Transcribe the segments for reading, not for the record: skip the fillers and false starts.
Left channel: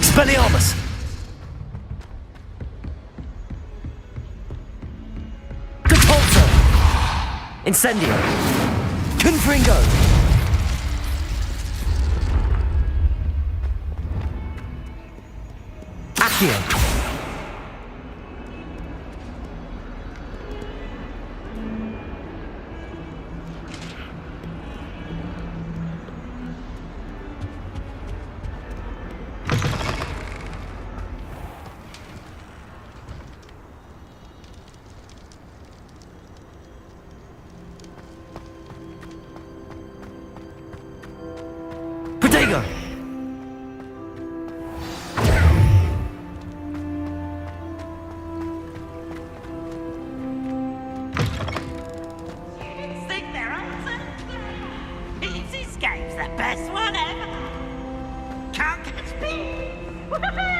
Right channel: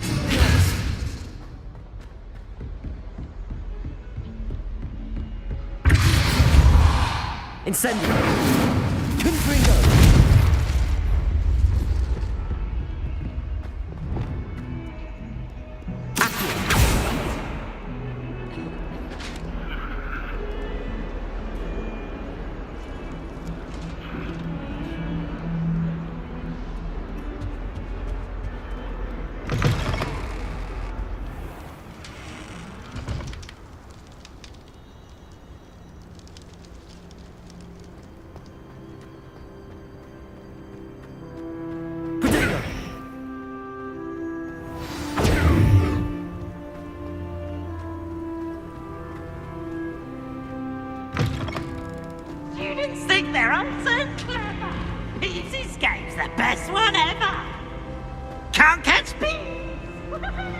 Expelliarmus! Catapulto! Incendio! Confringo! Accio! Protego! Students think they're so clever. Peeves Escape's the best one ever. Can't catch Peeves. Woohoo!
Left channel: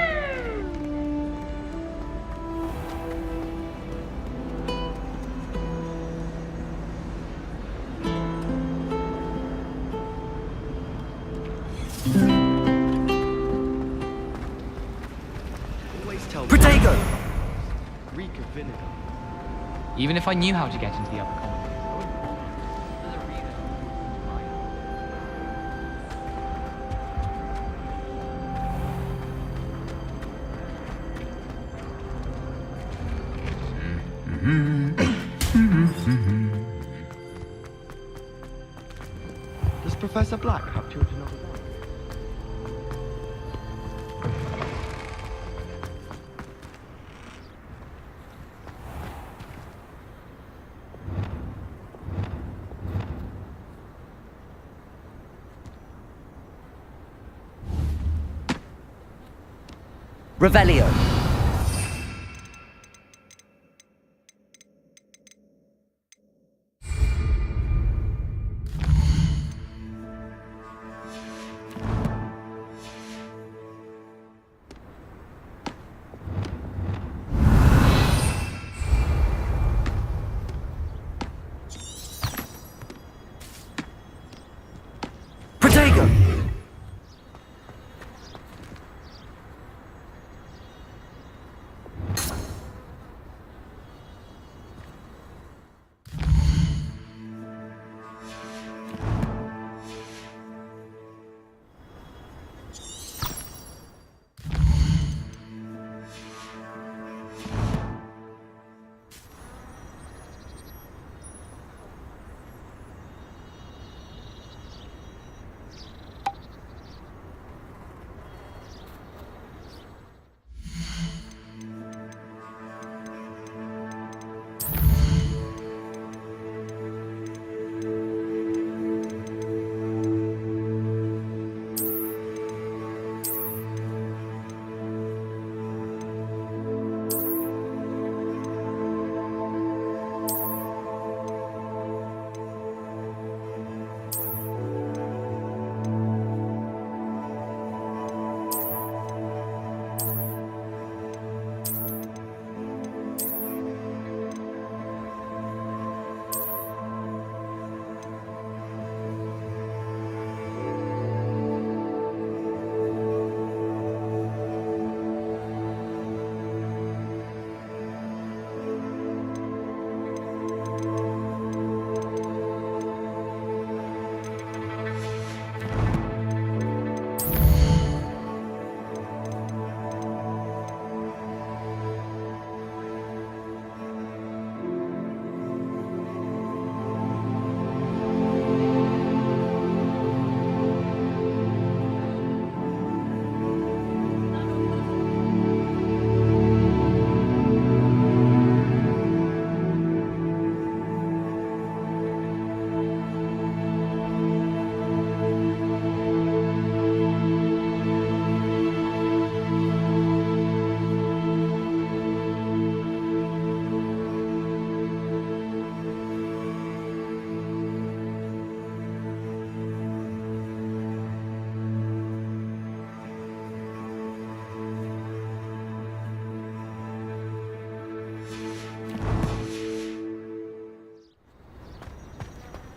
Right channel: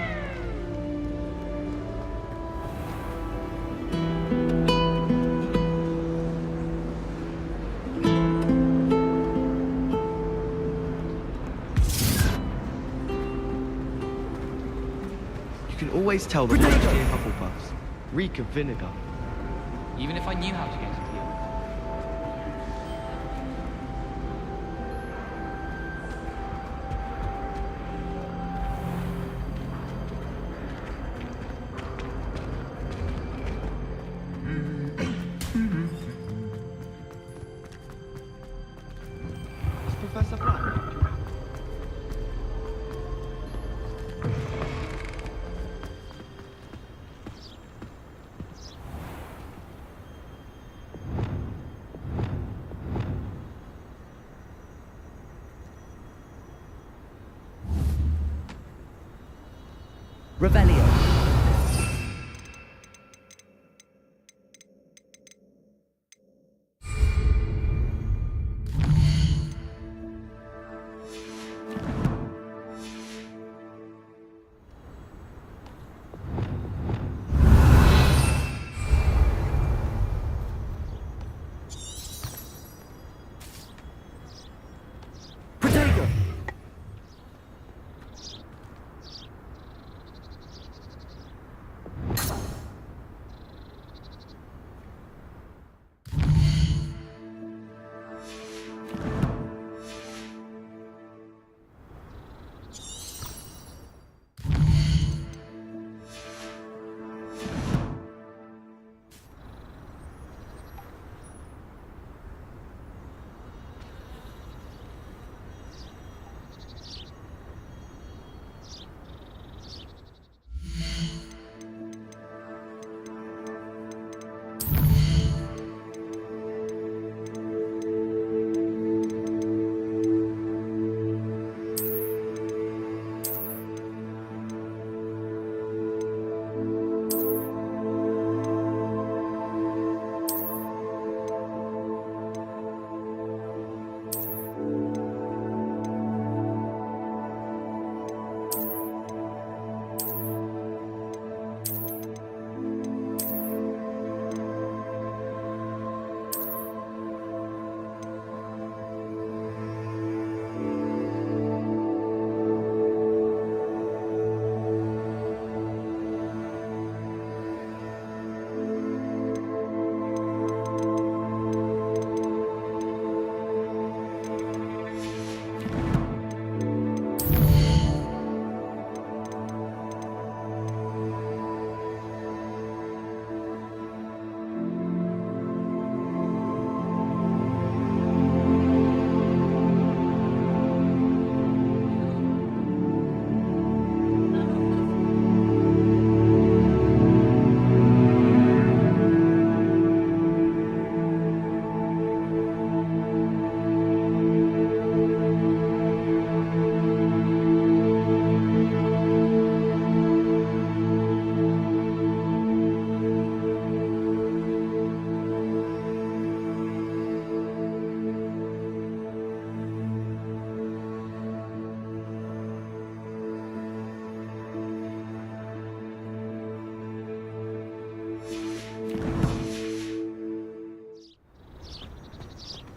Always tell Protego! Reek of vinegar. Even if I knew how to get into the other car. Is Professor Black helped you or not? Revelio! Protego!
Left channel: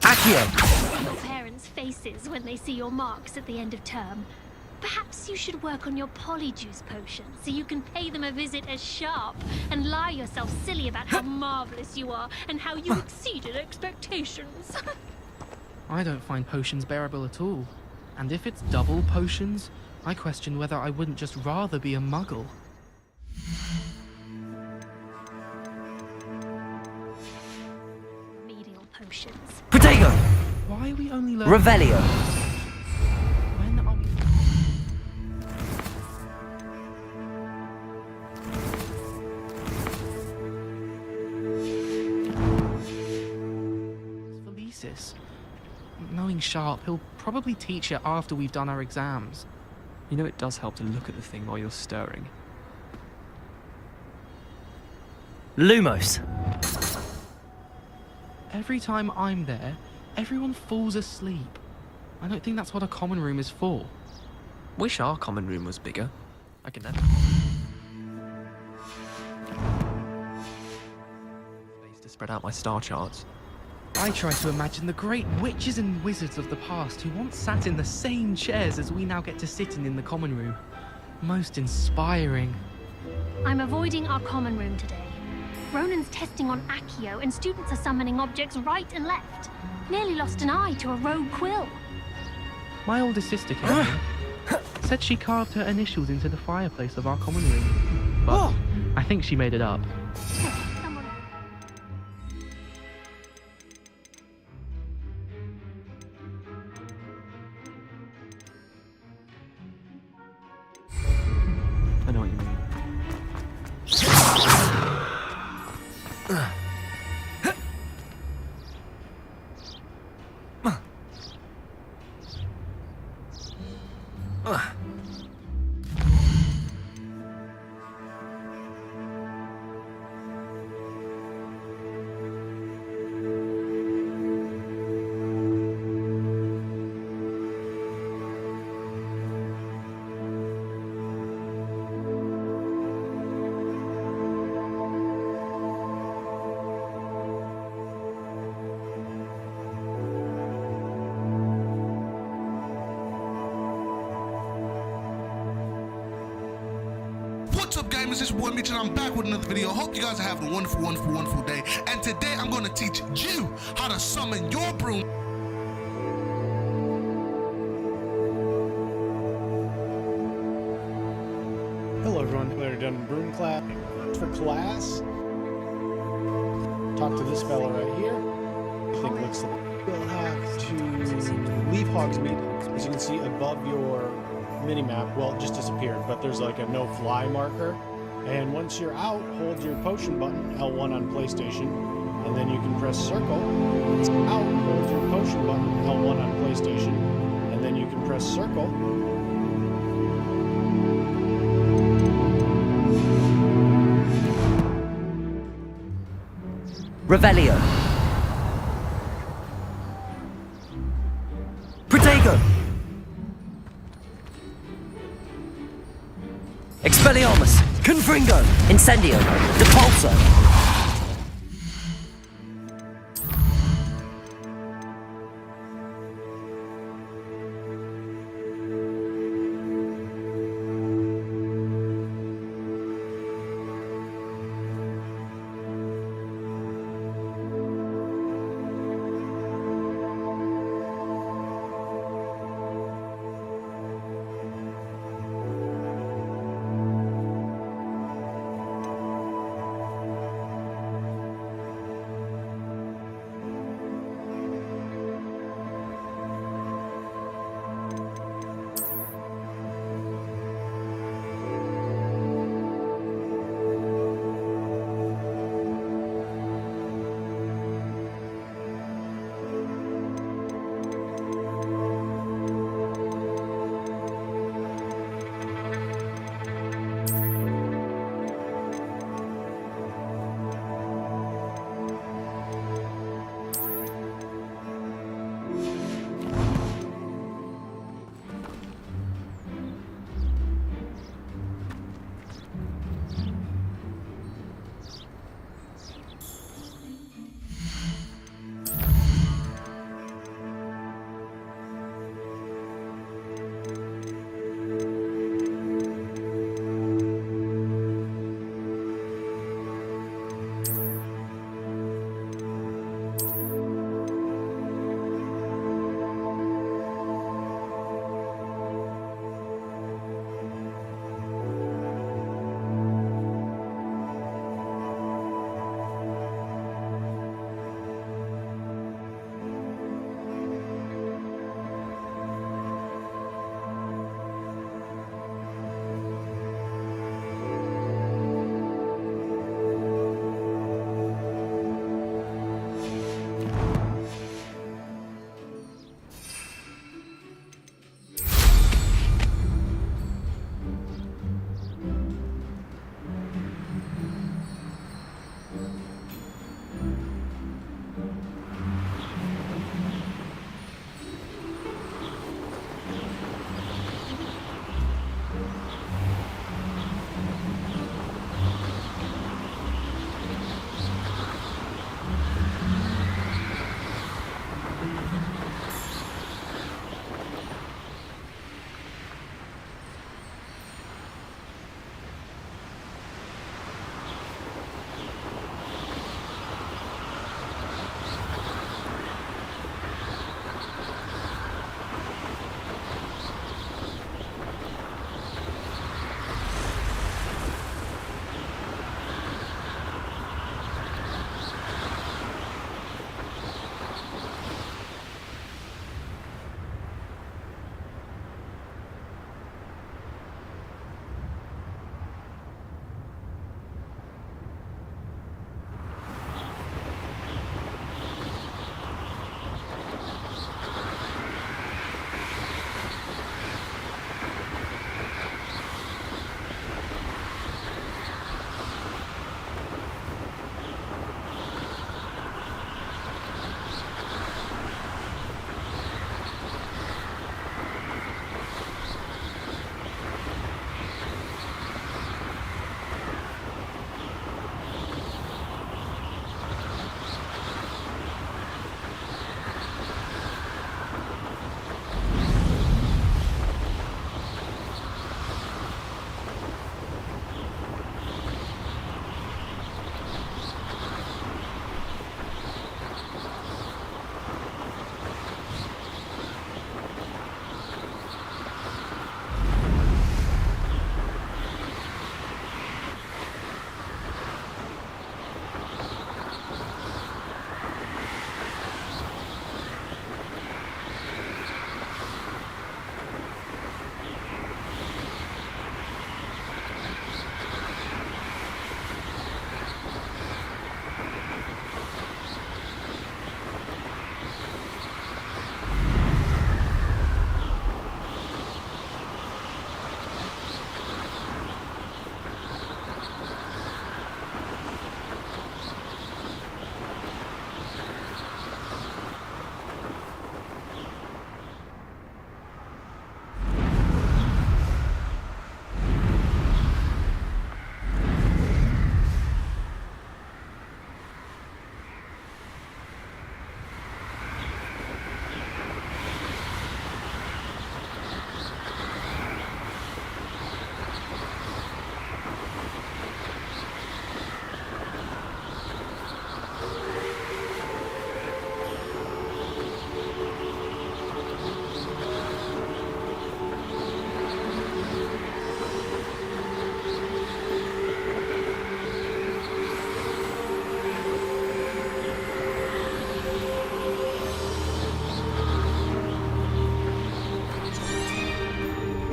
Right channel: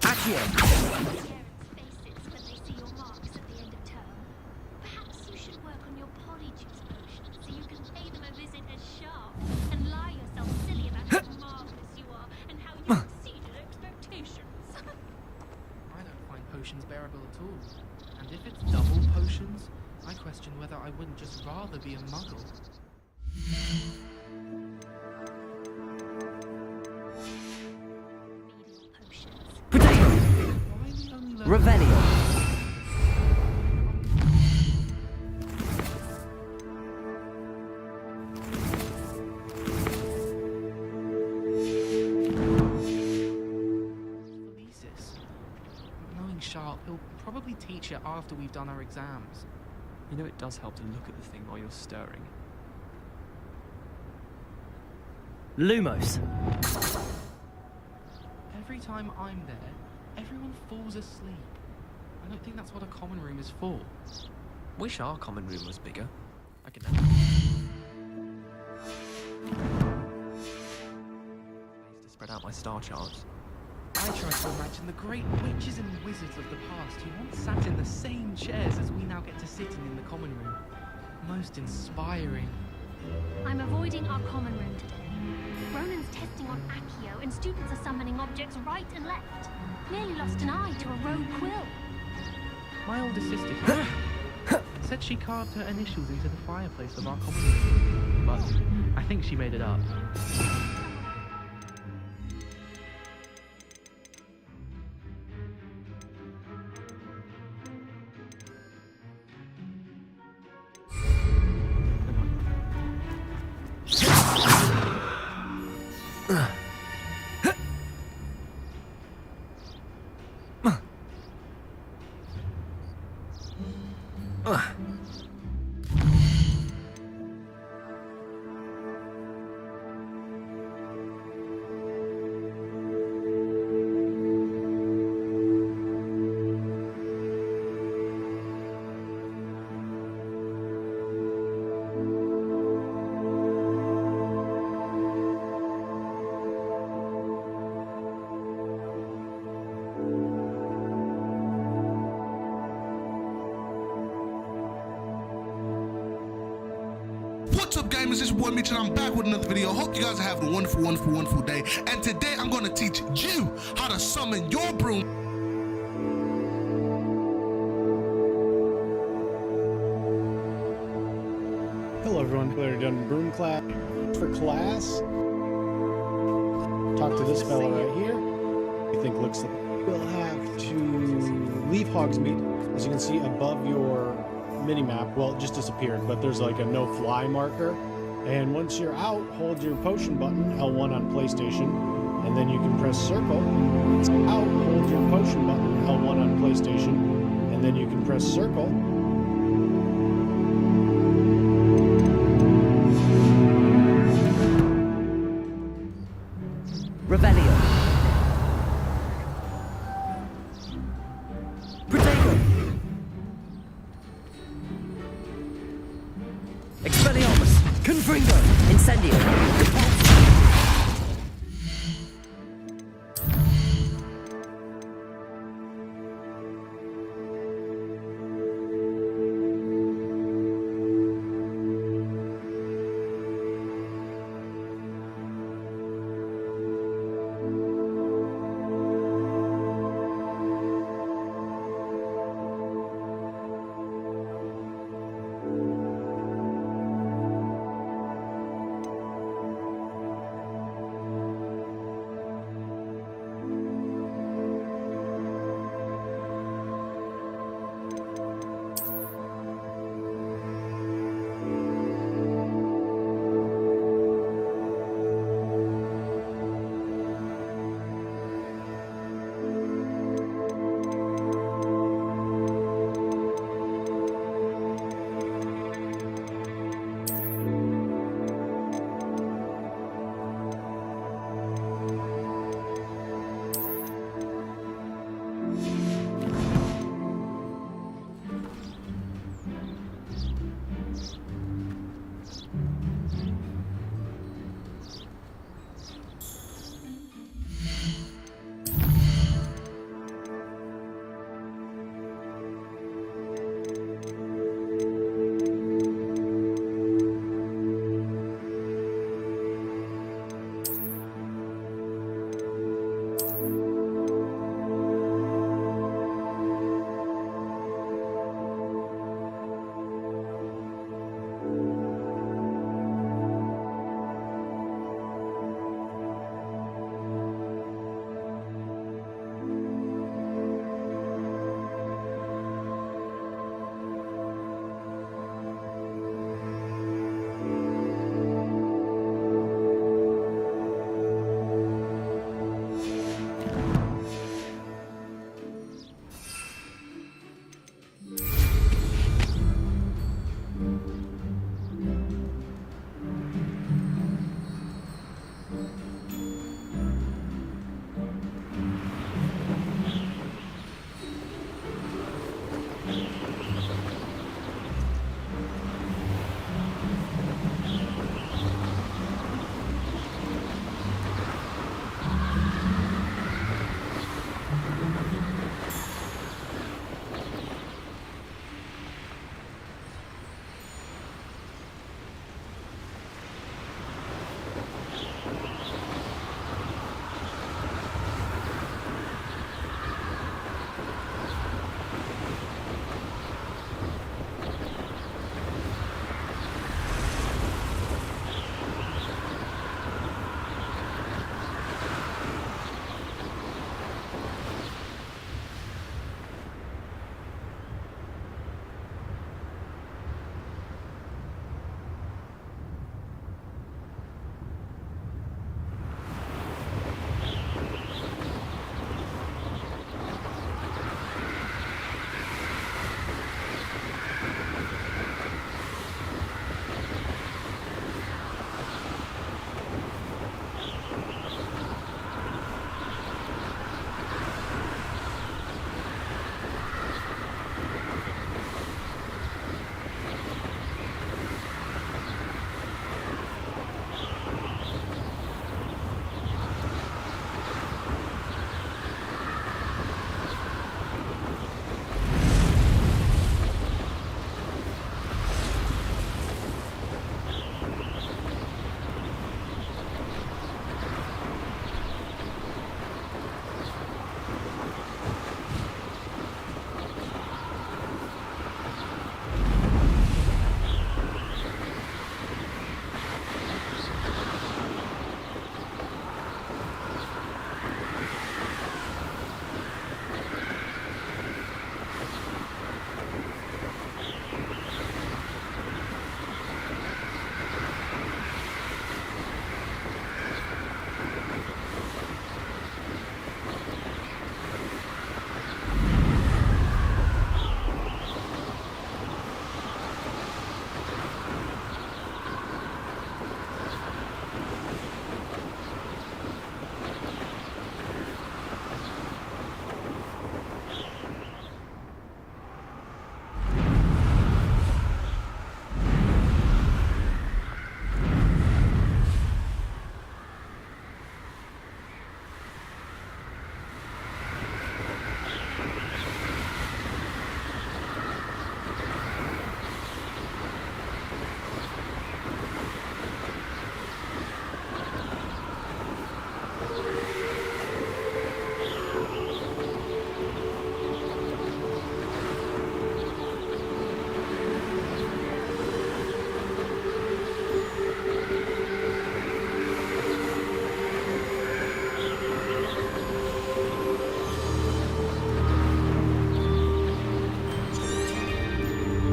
Accio! Parents' faces when they see your marks at the end of term. Perhaps you should work on your polyjuice potion so you can pay them a visit as sharp and lie yourself silly about how marvelous you are and how you exceeded expectations. I don't find potions bearable at all. And if it's double potions, I question whether I wouldn't just rather be a muggle. Remedial potions. Protego! Why are we only learning... Revelio. When are we... Felicis. Knowing Sharp, he'll probably teach it after we've done our exams. You know it does help to look at the thing while you're stirring. Lumos. Every time I'm there, everyone falls asleep. I don't think that's what a common room is for. Wish our common room was bigger. I can place to spread out my star charts. I try to imagine the great witches and wizards of the past who once sat in the same chairs as we now get to sit in the common room. Most inspiring. I'm avoiding our common room today. Ronan's testing on Accio and students are summoning objects right and left. Nearly lost an eye to a rogue quill. My older sister came. Said she carved her initials into the fireplace of our common room. But I think she made it up. I know what you mean. What's up, gamers? It's your boy Mitch and I'm back with another video. Hope you guys are having a wonderful day. And today I'm going to teach you how to summon your broom. Hello everyone, we're done broom class. For class, talk to this fella right here. I think looks like we'll have to leave Hogsmeade. As you can see above your mini-map, well, it just disappeared, but there's like a no-fly marker. And once you're out, hold your potion button, L1 on PlayStation, and then you can press circle. Out, hold your potion button, L1 on PlayStation, and then you can press circle. Revelio. Protego. Expelliarmus. Confringo. Incendio. Depulso.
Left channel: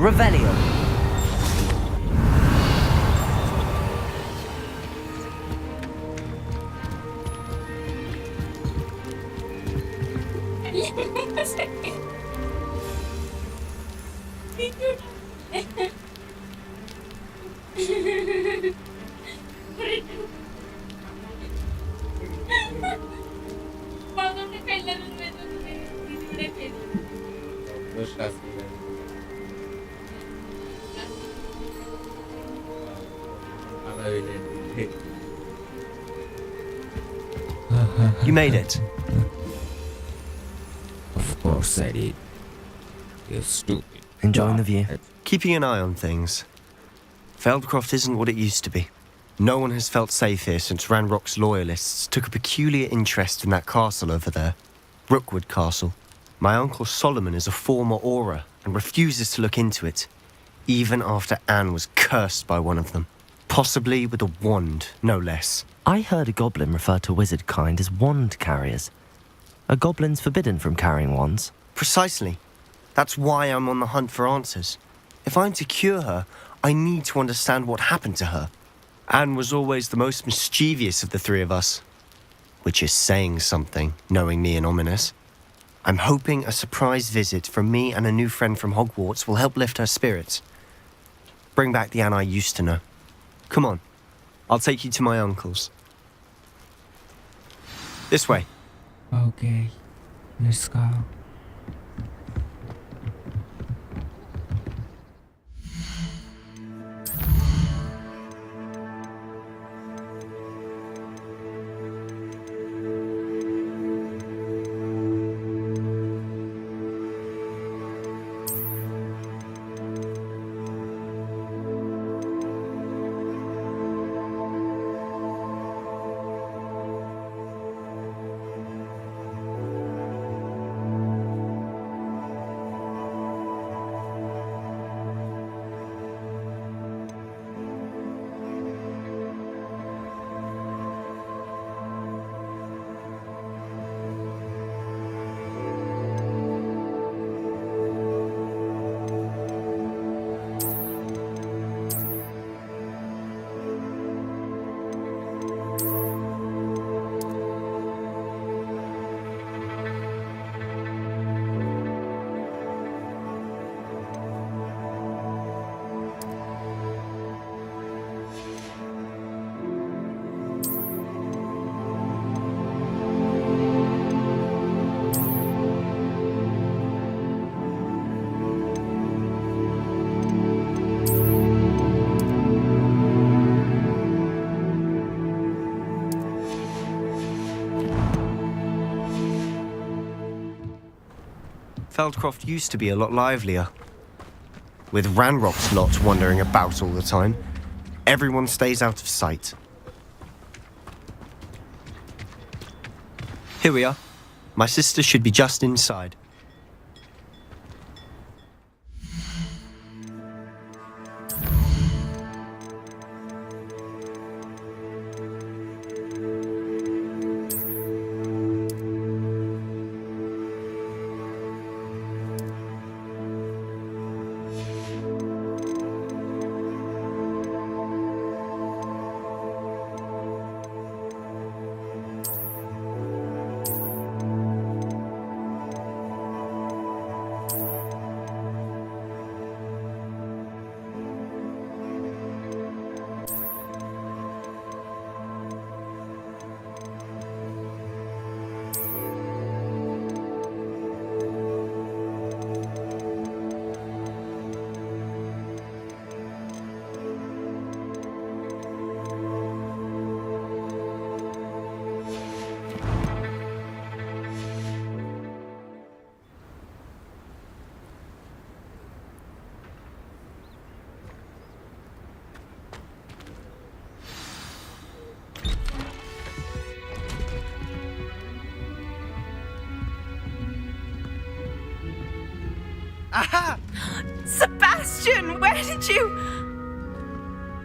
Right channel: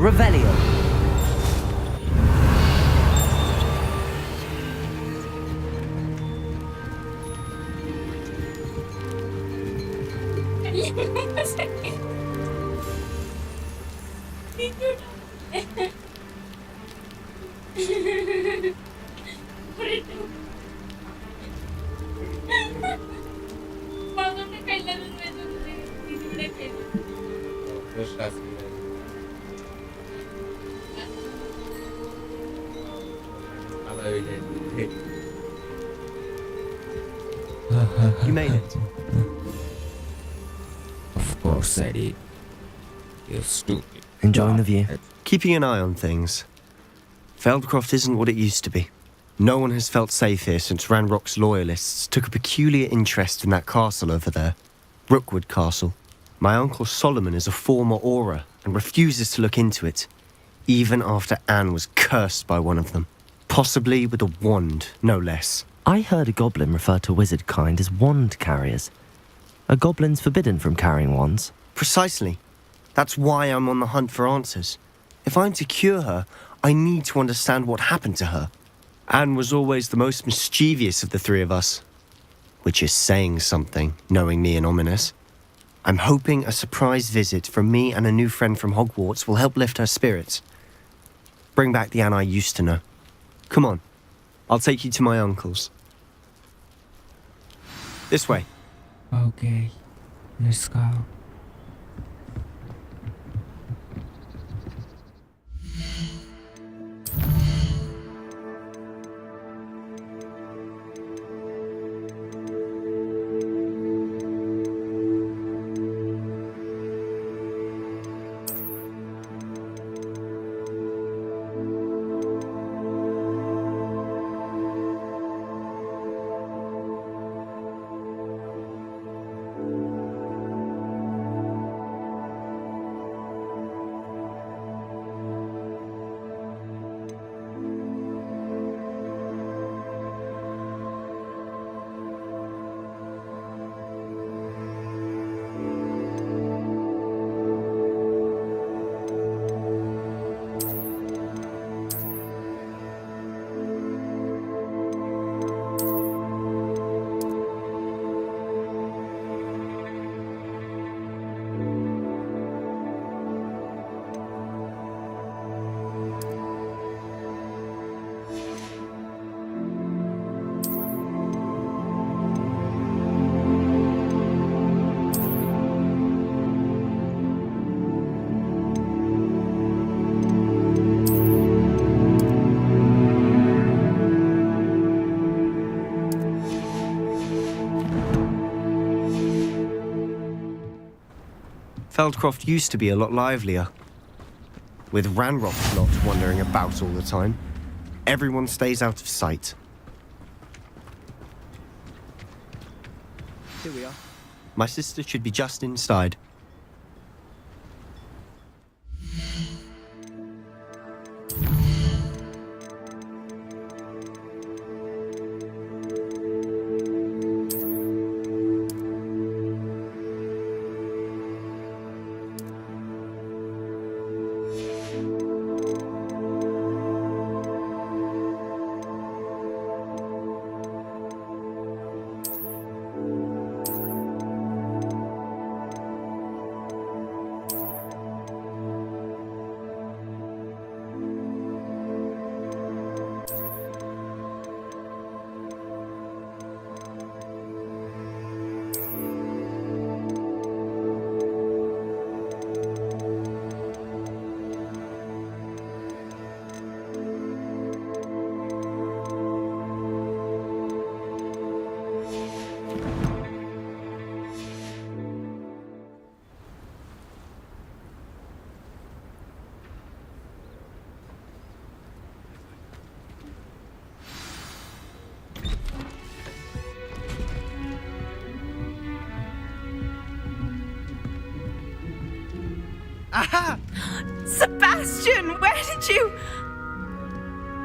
Revelio. You made it. Of course I did. You're stupid. Enjoying the view. Keeping an eye on things. Feldcroft isn't what it used to be. No one has felt safe here since Ranrock's loyalists took a peculiar interest in that castle over there. Rookwood Castle. My uncle Solomon is a former Auror and refuses to look into it, even after Anne was cursed by one of them. Possibly with a wand, no less. I heard a goblin refer to wizard kind as wand carriers. Are goblins forbidden from carrying wands? Precisely. That's why I'm on the hunt for answers. If I'm to cure her, I need to understand what happened to her. Anne was always the most mischievous of the three of us. Which is saying something, knowing me and Ominous. I'm hoping a surprise visit from me and a new friend from Hogwarts will help lift her spirits. Bring back the Anne I used to know. Come on, I'll take you to my uncle's. This way. Okay, let's go. Feldcroft used to be a lot livelier. With Ranrock's lot wandering about all the time, everyone stays out of sight. Here we are. My sister should be just inside. Aha! Sebastian, where did you...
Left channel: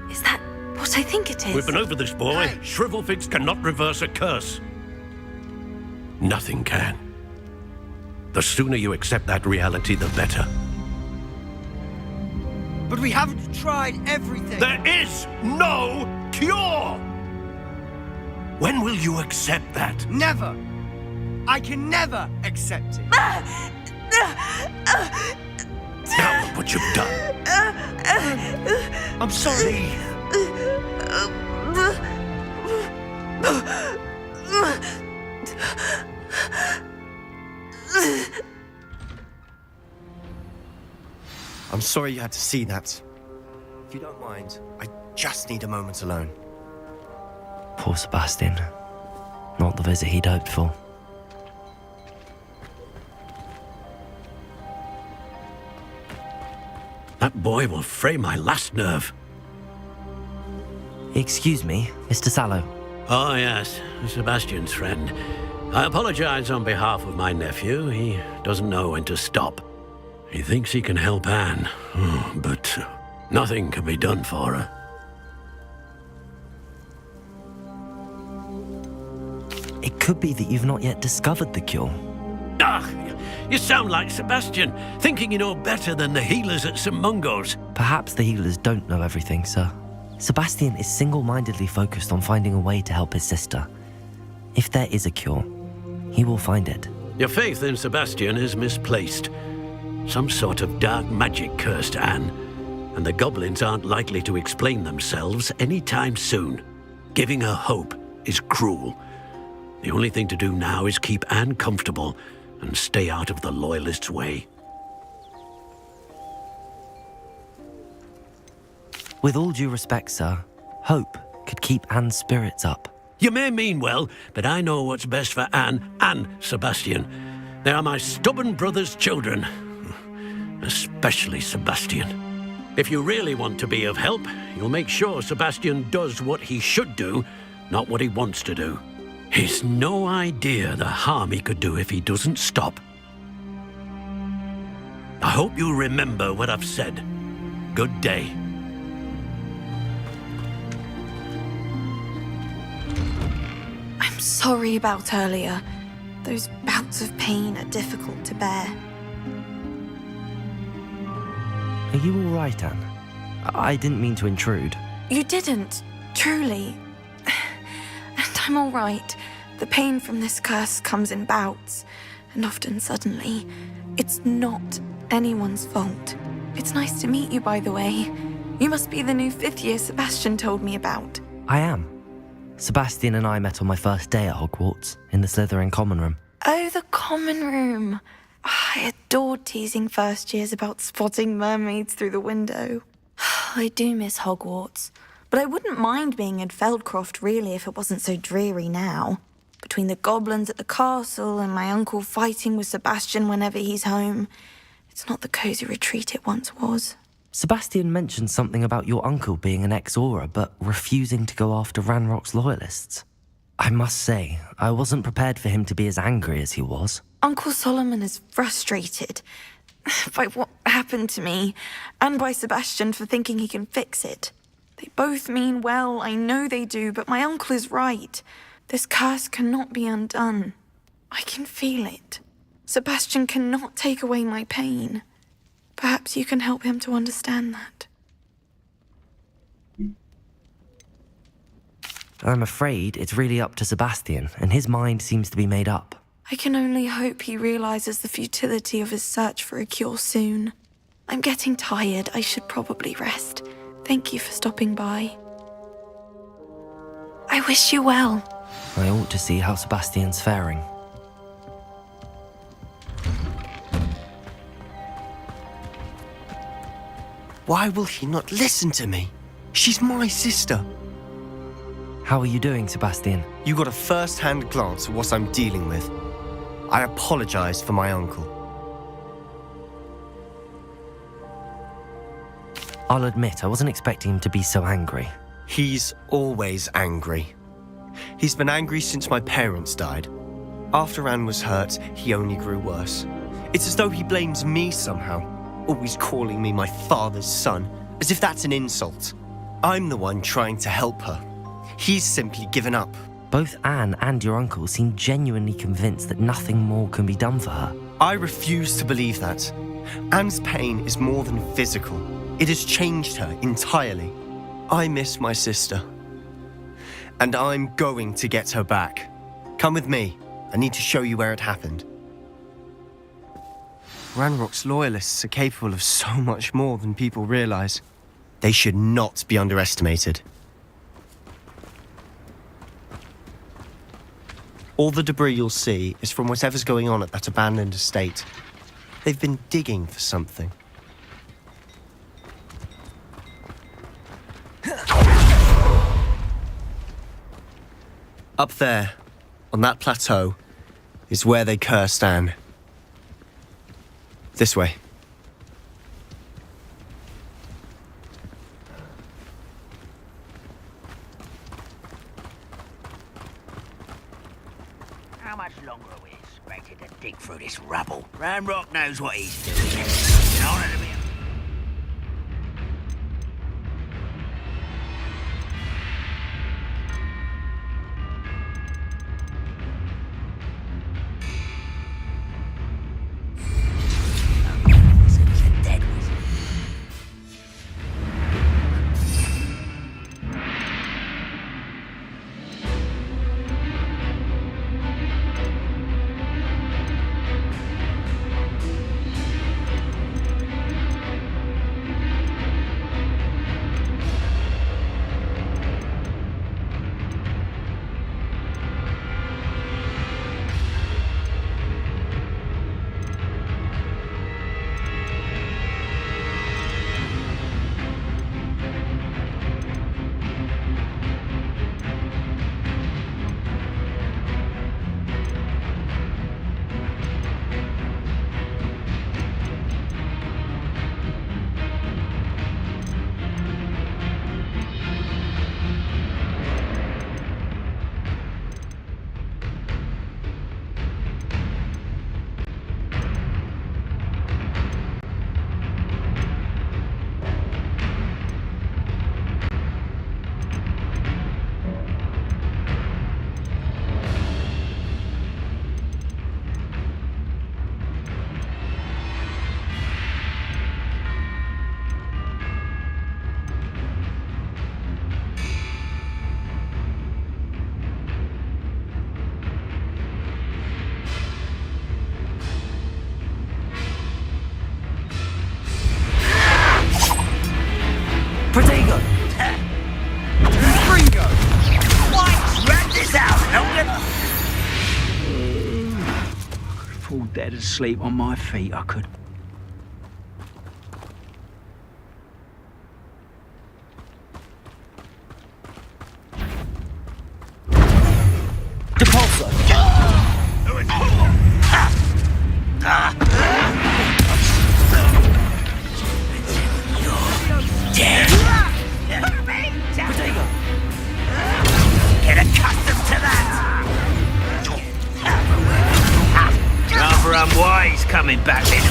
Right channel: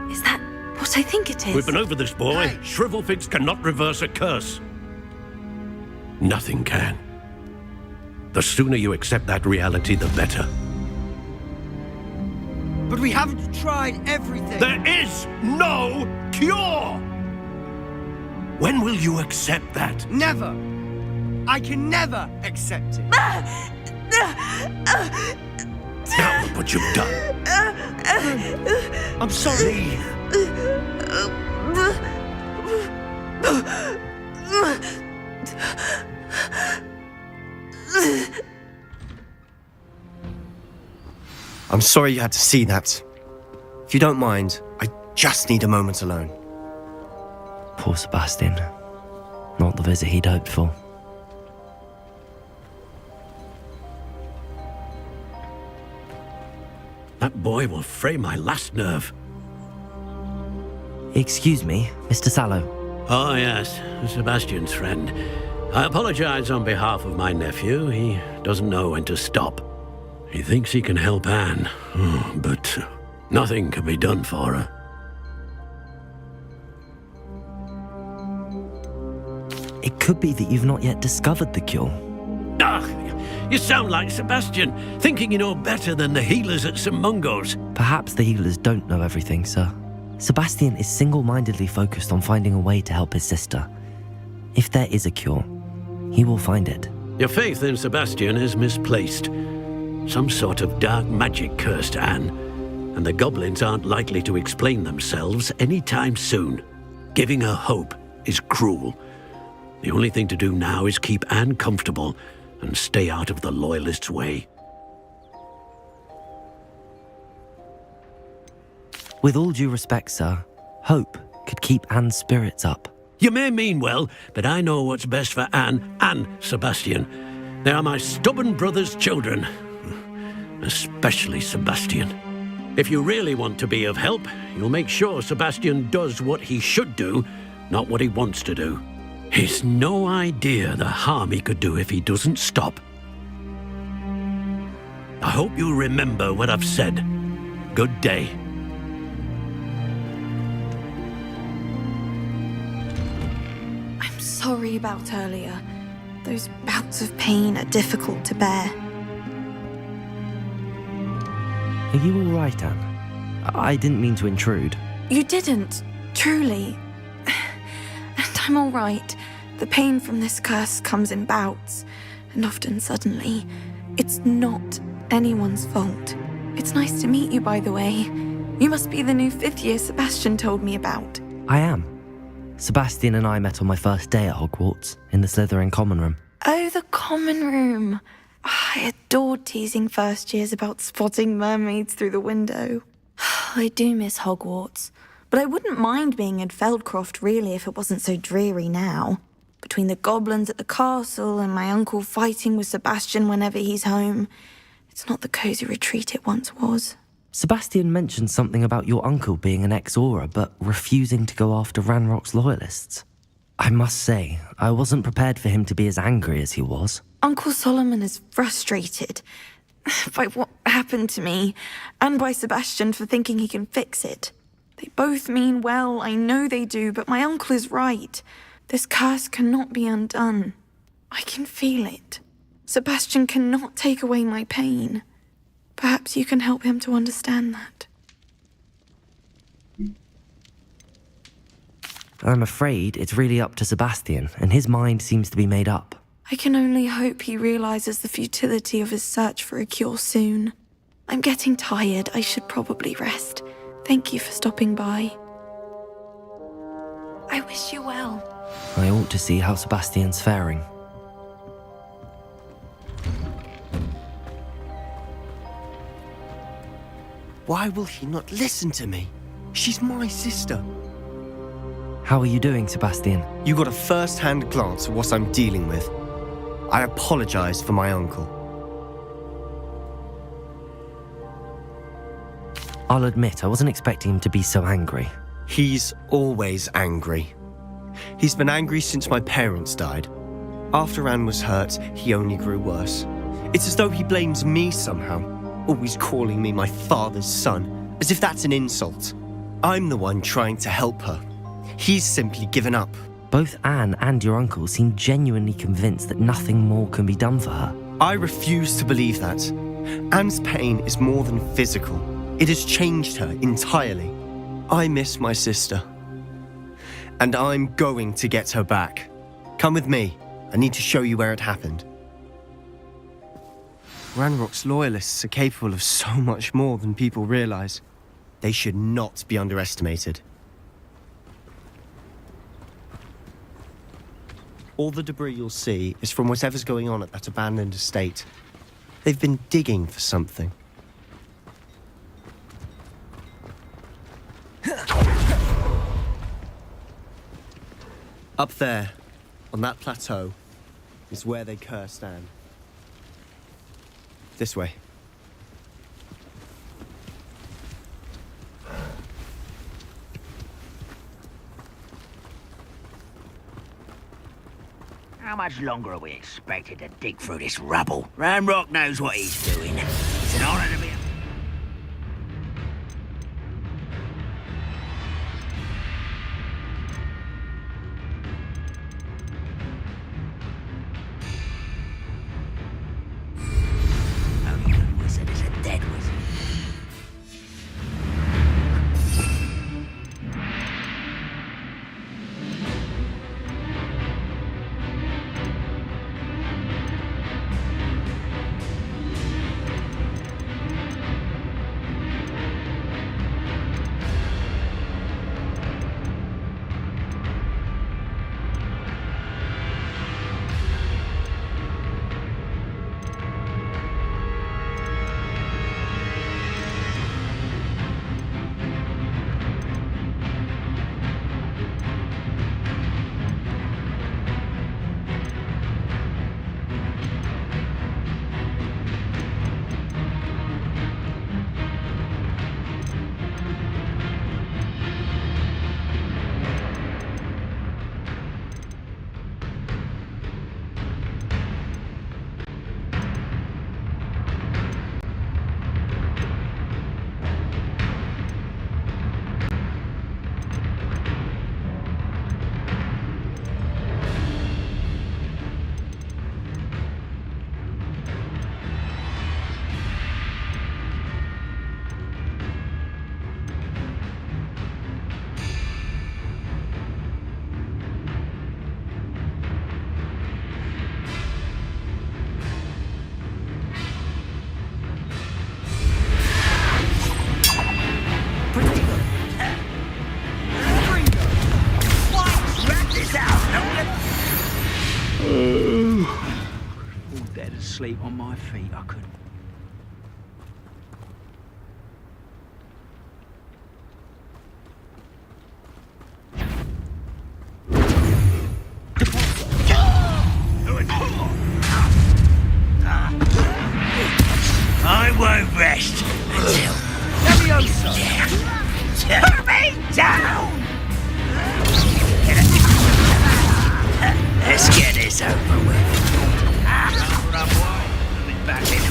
Is that what I think it is? We've been over this, boy. Hey. Shrivelfigs cannot reverse a curse. Nothing can. The sooner you accept that reality, the better. But we haven't tried everything. There is no cure! When will you accept that? Never. I can never accept it. Now look what you've done. I'm sorry. I'm sorry you had to see that. If you don't mind, I just need a moment alone. Poor Sebastian. Not the visit he'd hoped for. That boy will fray my last nerve. Excuse me, Mr. Sallow. Oh, yes, Sebastian's friend. I apologize on behalf of my nephew. He doesn't know when to stop. He thinks he can help Anne, but nothing can be done for her. It could be that you've not yet discovered the cure. Ah, you sound like Sebastian, thinking you know better than the healers at St. Mungo's. Perhaps the healers don't know everything, sir. Sebastian is single-mindedly focused on finding a way to help his sister. If there is a cure, he will find it. Your faith in Sebastian is misplaced. Some sort of dark magic cursed Anne, and the goblins aren't likely to explain themselves anytime soon. Giving her hope is cruel. The only thing to do now is keep Anne comfortable and stay out of the Loyalists' way. With all due respect, sir, hope could keep Anne's spirits up. You may mean well, but I know what's best for Anne and Sebastian. They are my stubborn brother's children. Especially Sebastian. If you really want to be of help, you'll make sure Sebastian does what he should do, not what he wants to do. He's no idea the harm he could do if he doesn't stop. I hope you remember what I've said. Good day. I'm sorry about earlier. Those bouts of pain are difficult to bear. Are you all right, Anne? I didn't mean to intrude. You didn't, truly. And I'm all right. The pain from this curse comes in bouts, and often suddenly. It's not anyone's fault. It's nice to meet you, by the way. You must be the new 5th year Sebastian told me about. I am. Sebastian and I met on my first day at Hogwarts, in the Slytherin common room. Oh, the common room. I adored teasing first years about spotting mermaids through the window. I do miss Hogwarts, but I wouldn't mind being in Feldcroft really if it wasn't so dreary now. Between the goblins at the castle and my uncle fighting with Sebastian whenever he's home, it's not the cosy retreat it once was. Sebastian mentioned something about your uncle being an ex-Auror, but refusing to go after Ranrock's loyalists. I must say, I wasn't prepared for him to be as angry as he was. Uncle Solomon is frustrated by what happened to me, and by Sebastian for thinking he can fix it. They both mean well, I know they do, but my uncle is right. This curse cannot be undone. I can feel it. Sebastian cannot take away my pain. Perhaps you can help him to understand that. I'm afraid it's really up to Sebastian, and his mind seems to be made up. I can only hope he realizes the futility of his search for a cure soon. I'm getting tired. I should probably rest. Thank you for stopping by. I wish you well. I ought to see how Sebastian's faring. Why will he not listen to me? She's my sister. How are you doing, Sebastian? You got a first-hand glance at what I'm dealing with. I apologize for my uncle. I'll admit, I wasn't expecting him to be so angry. He's always angry. He's been angry since my parents died. After Anne was hurt, he only grew worse. It's as though he blames me somehow, always calling me my father's son, as if that's an insult. I'm the one trying to help her. He's simply given up. Both Anne and your uncle seem genuinely convinced that nothing more can be done for her. I refuse to believe that. Anne's pain is more than physical. It has changed her entirely. I miss my sister. And I'm going to get her back. Come with me. I need to show you where it happened. Ranrock's loyalists are capable of so much more than people realize. They should not be underestimated. All the debris you'll see is from whatever's going on at that abandoned estate. They've been digging for something. Up there, on that plateau, is where they cursed Anne. This way. How much longer are we expected to dig through this rubble? Ranrock knows what he's doing. It's an honor to be a... Only a good wizard is a dead wizard. Protego! What? Wrap this out, Logan! I could fall dead asleep on my feet, I could. I won't rest until you're dead. Put me down! Get accustomed to that. Let's get this over with. Rather unwise coming back in.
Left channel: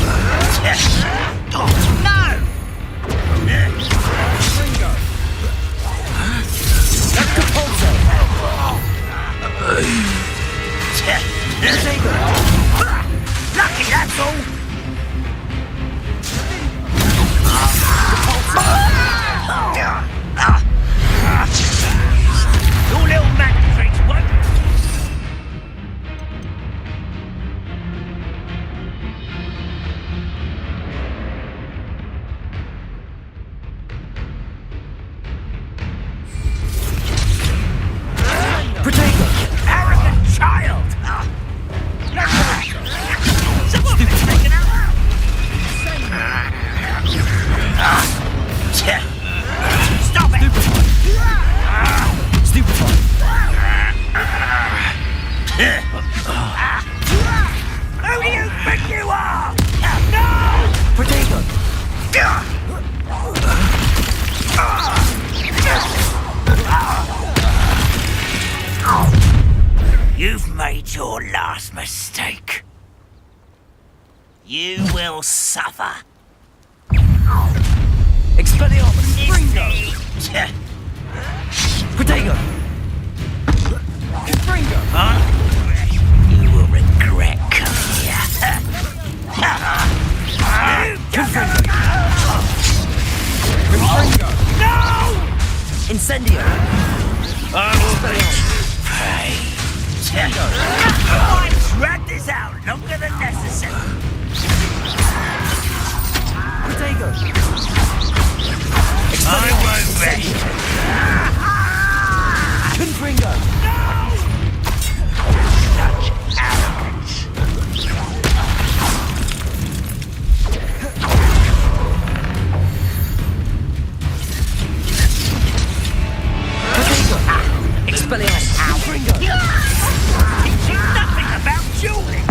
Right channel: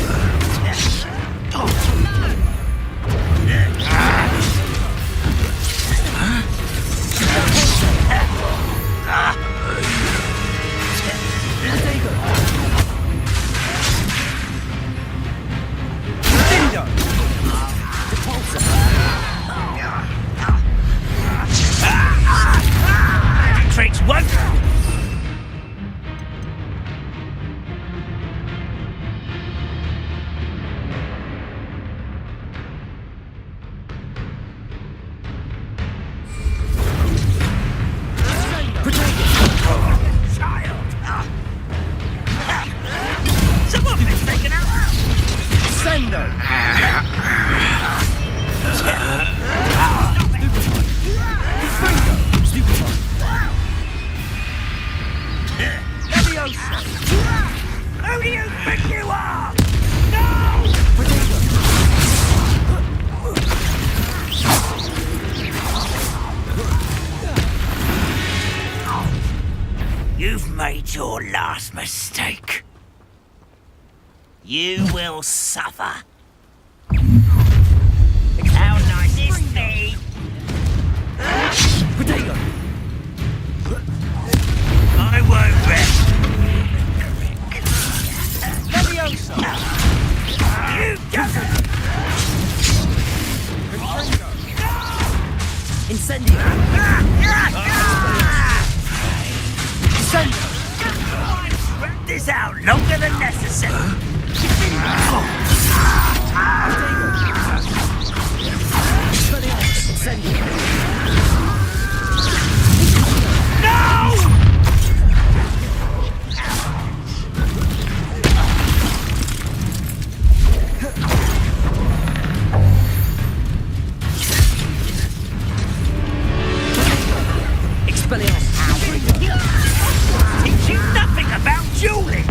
Oh, no! Lucky, that's all. Little magic tricks, what? Arrogant child! Someone been taken out! Stop it! Stupefy! Who do you think you are? No! Protego! You've made your last mistake. You will suffer. Expelliarmus! Resist me! Protego! I won't rest. Correct. You come! Incendio! Drag this out longer than necessary. Protego! Expelliarmus! Incendio! Confringo! Teach you nothing about dueling!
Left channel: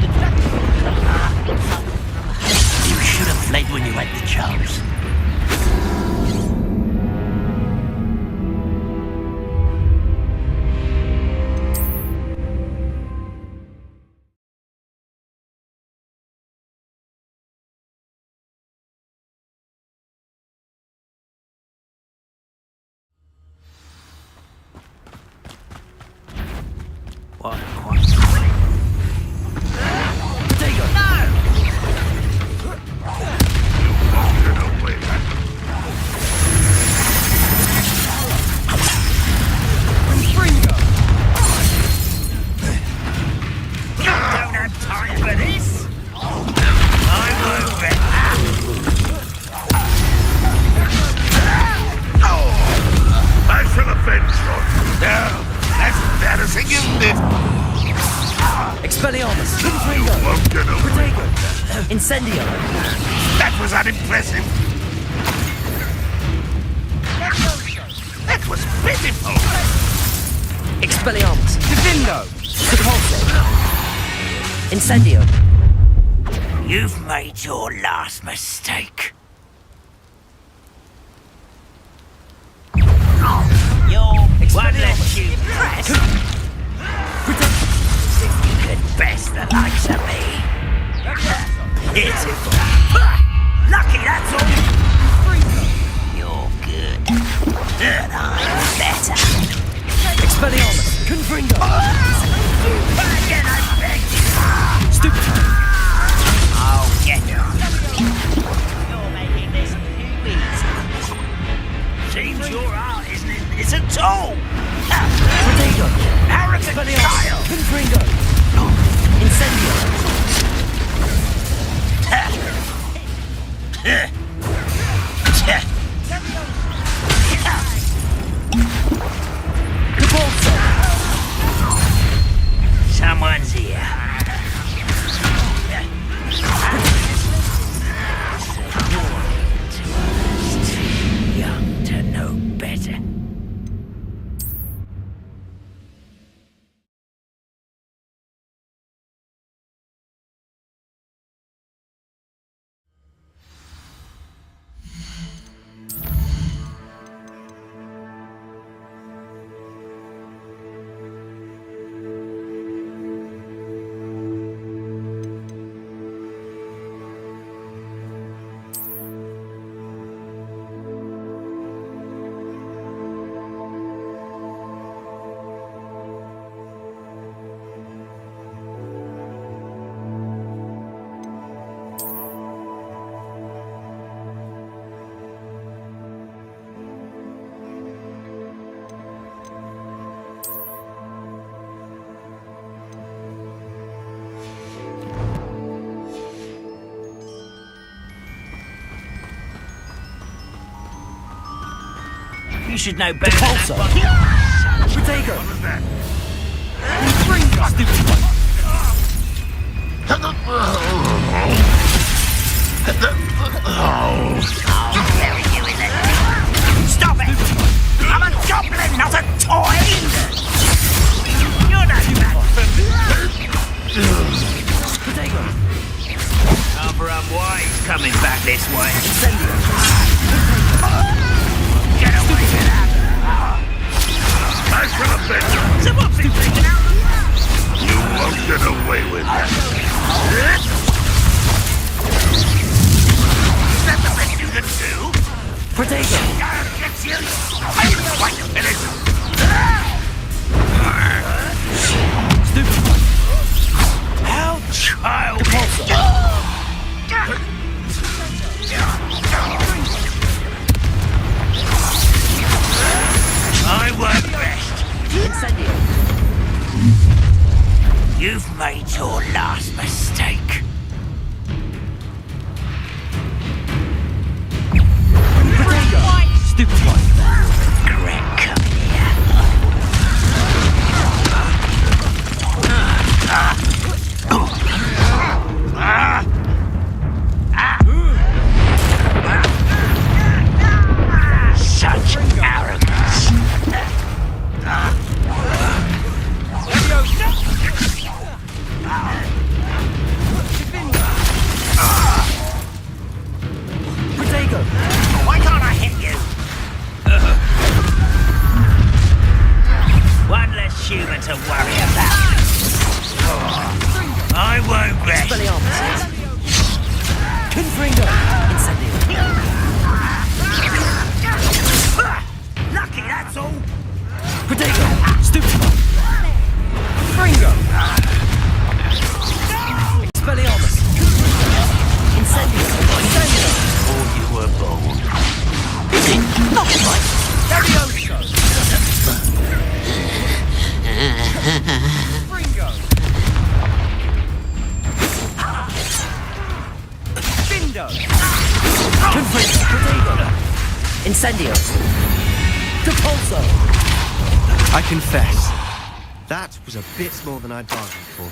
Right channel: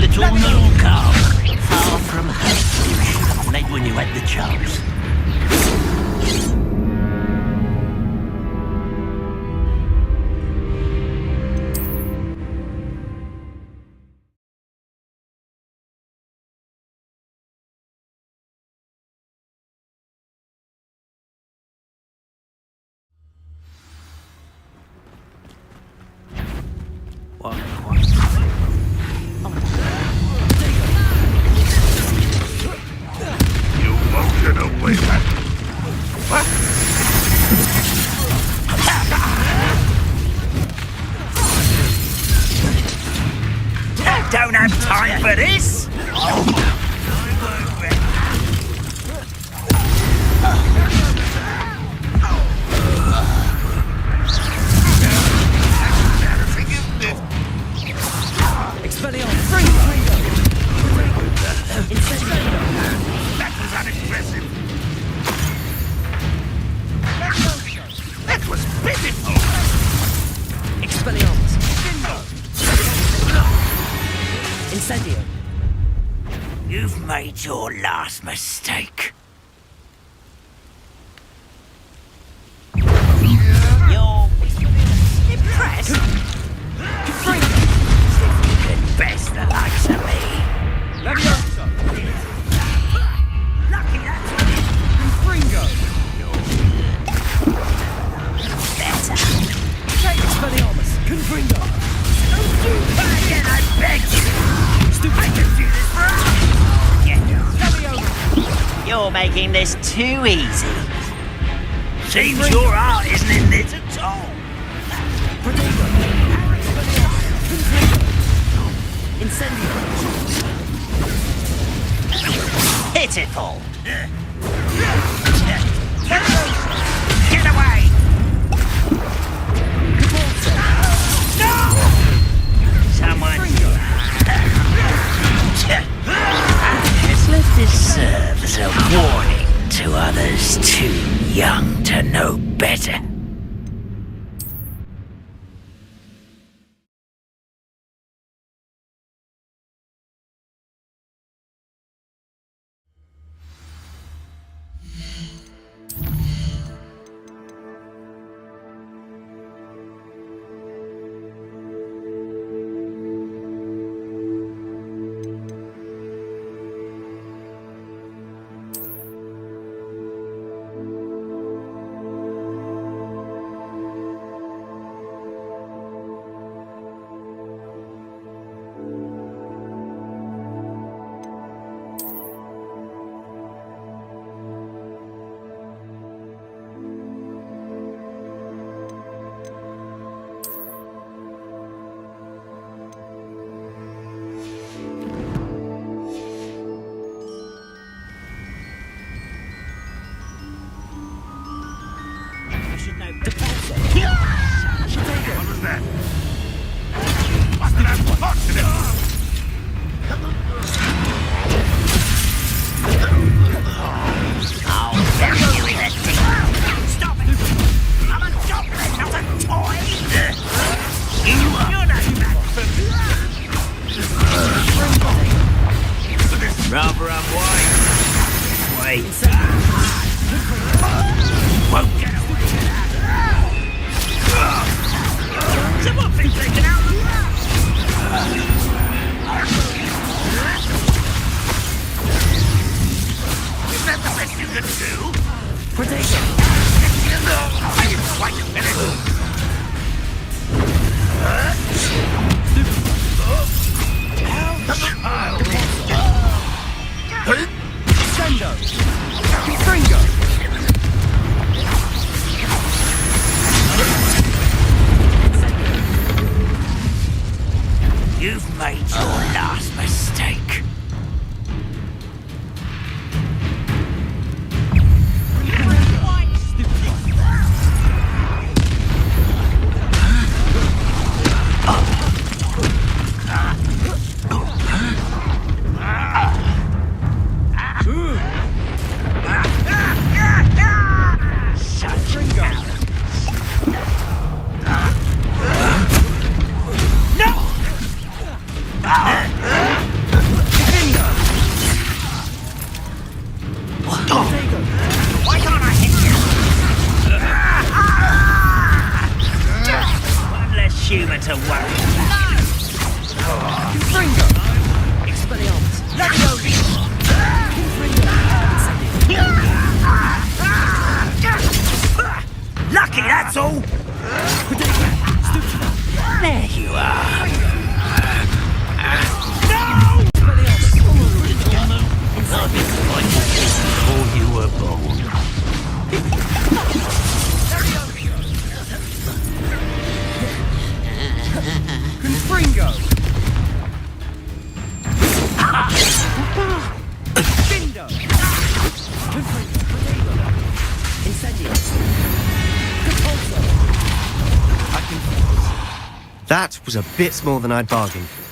Little no calm. Far from home. You should have fled when you had the chance. What? You won't get away with it. Don't have time for this. I won't rest. Back from the fence. Expelliarmus! Confringo! Protego! Incendio! That was unimpressive. That was pitiful. Expelliarmus! Incendio! You've made your last mistake. You're impressed. You could best the likes of me. It's lucky, that's all. You're good, but I'm better. Expelliarmus! Confringo! Again, I beg you. Stupid! Oh, get you. You're making this too easy. Seems your art isn't in this at all. Protego! Arrogant child. Confringo! Incendio! Pitiful. Get away. Cabalzo! Someone's here. This list serves a warning to others too young to know better. You should know better. Cabalzo! Protego! What was that? I'll bury you in the deep. Stop it! I'm a goblin, not a toy! You're not that Protego! rather unwise coming back this way. Won't get away with that! Someone's been taken out! Won't get away with that! Is that the best you can do? Protego! You've made your last mistake. Stupid one. Why can't I hit you? One less human to worry about. I won't rest. Lucky, that's all. There you are. Before you were born. Fringo! Bindo! Incendio. Capulso. I confess, that was a bit more than I'd bargained for.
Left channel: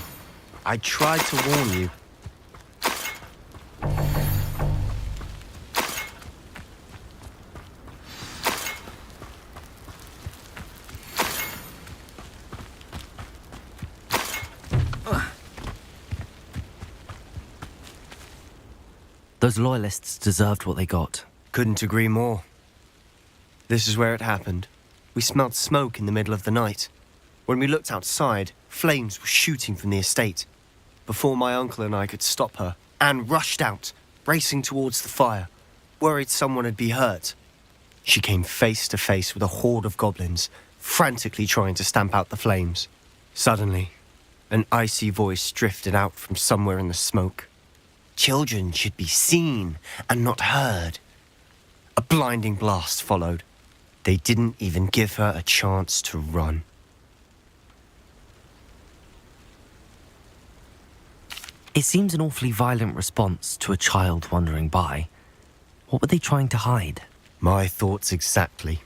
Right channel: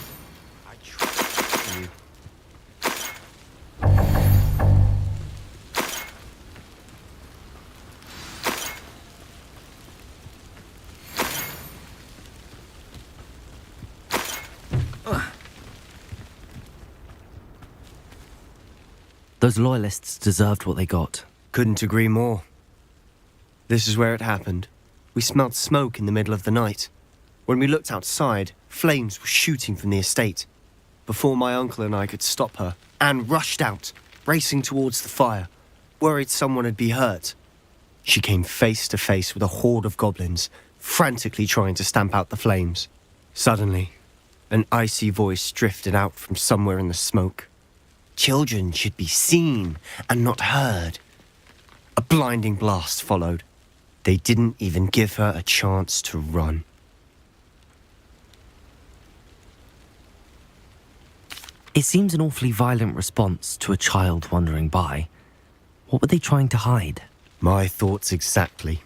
I tried to warn you. Those loyalists deserved what they got. Couldn't agree more. This is where it happened. We smelled smoke in the middle of the night. When we looked outside, flames were shooting from the estate. Before my uncle and I could stop her, Anne rushed out, racing towards the fire, worried someone had been hurt. She came face to face with a horde of goblins, frantically trying to stamp out the flames. Suddenly, an icy voice drifted out from somewhere in the smoke. Children should be seen and not heard. A blinding blast followed. They didn't even give her a chance to run. It seems an awfully violent response to a child wandering by. What were they trying to hide? My thoughts exactly.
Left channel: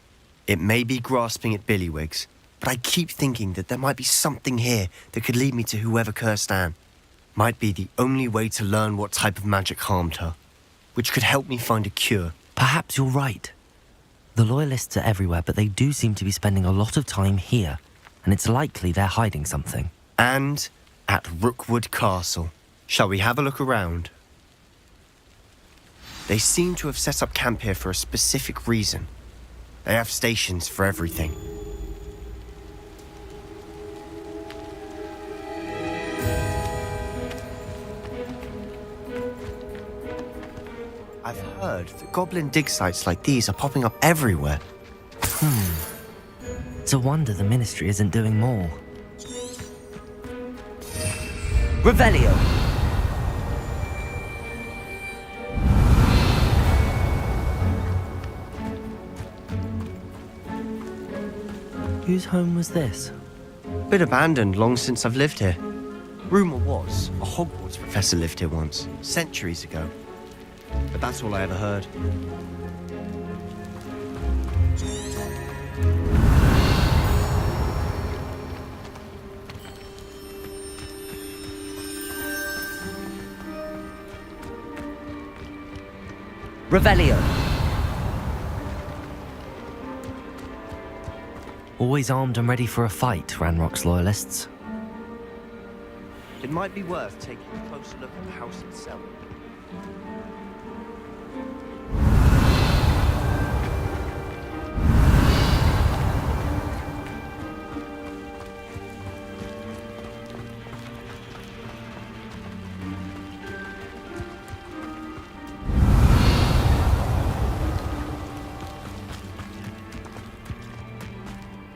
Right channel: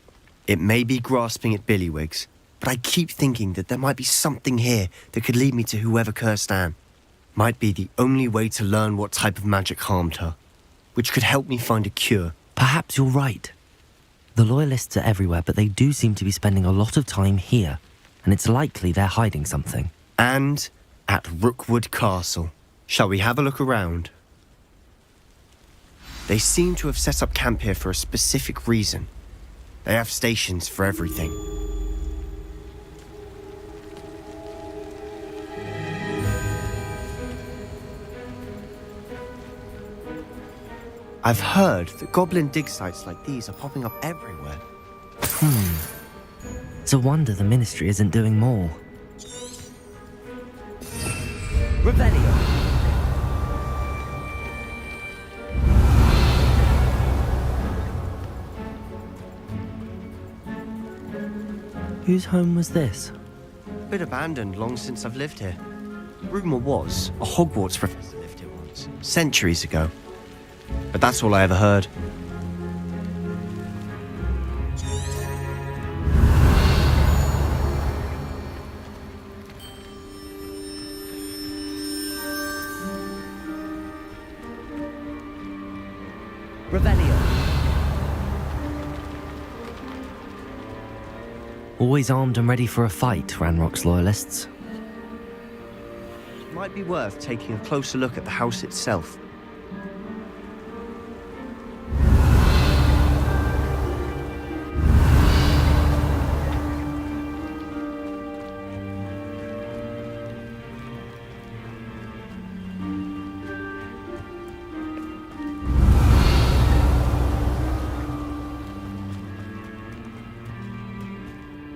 It may be grasping at Billywigs, but I keep thinking that there might be something here that could lead me to whoever cursed Anne. Might be the only way to learn what type of magic harmed her, which could help me find a cure. Perhaps you're right. The Loyalists are everywhere, but they do seem to be spending a lot of time here, and it's likely they're hiding something. And at Rookwood Castle. Shall we have a look around? They seem to have set up camp here for a specific reason. They have stations for everything. I've heard that goblin dig sites like these are popping up everywhere. It's a wonder the Ministry isn't doing more. Revelio. Whose home was this? Been abandoned long since I've lived here. Rumour was a Hogwarts professor lived here once, centuries ago. But that's all I ever heard. Revelio. Always armed and ready for a fight, Ranrock's Loyalists. It might be worth taking a closer look at the house itself.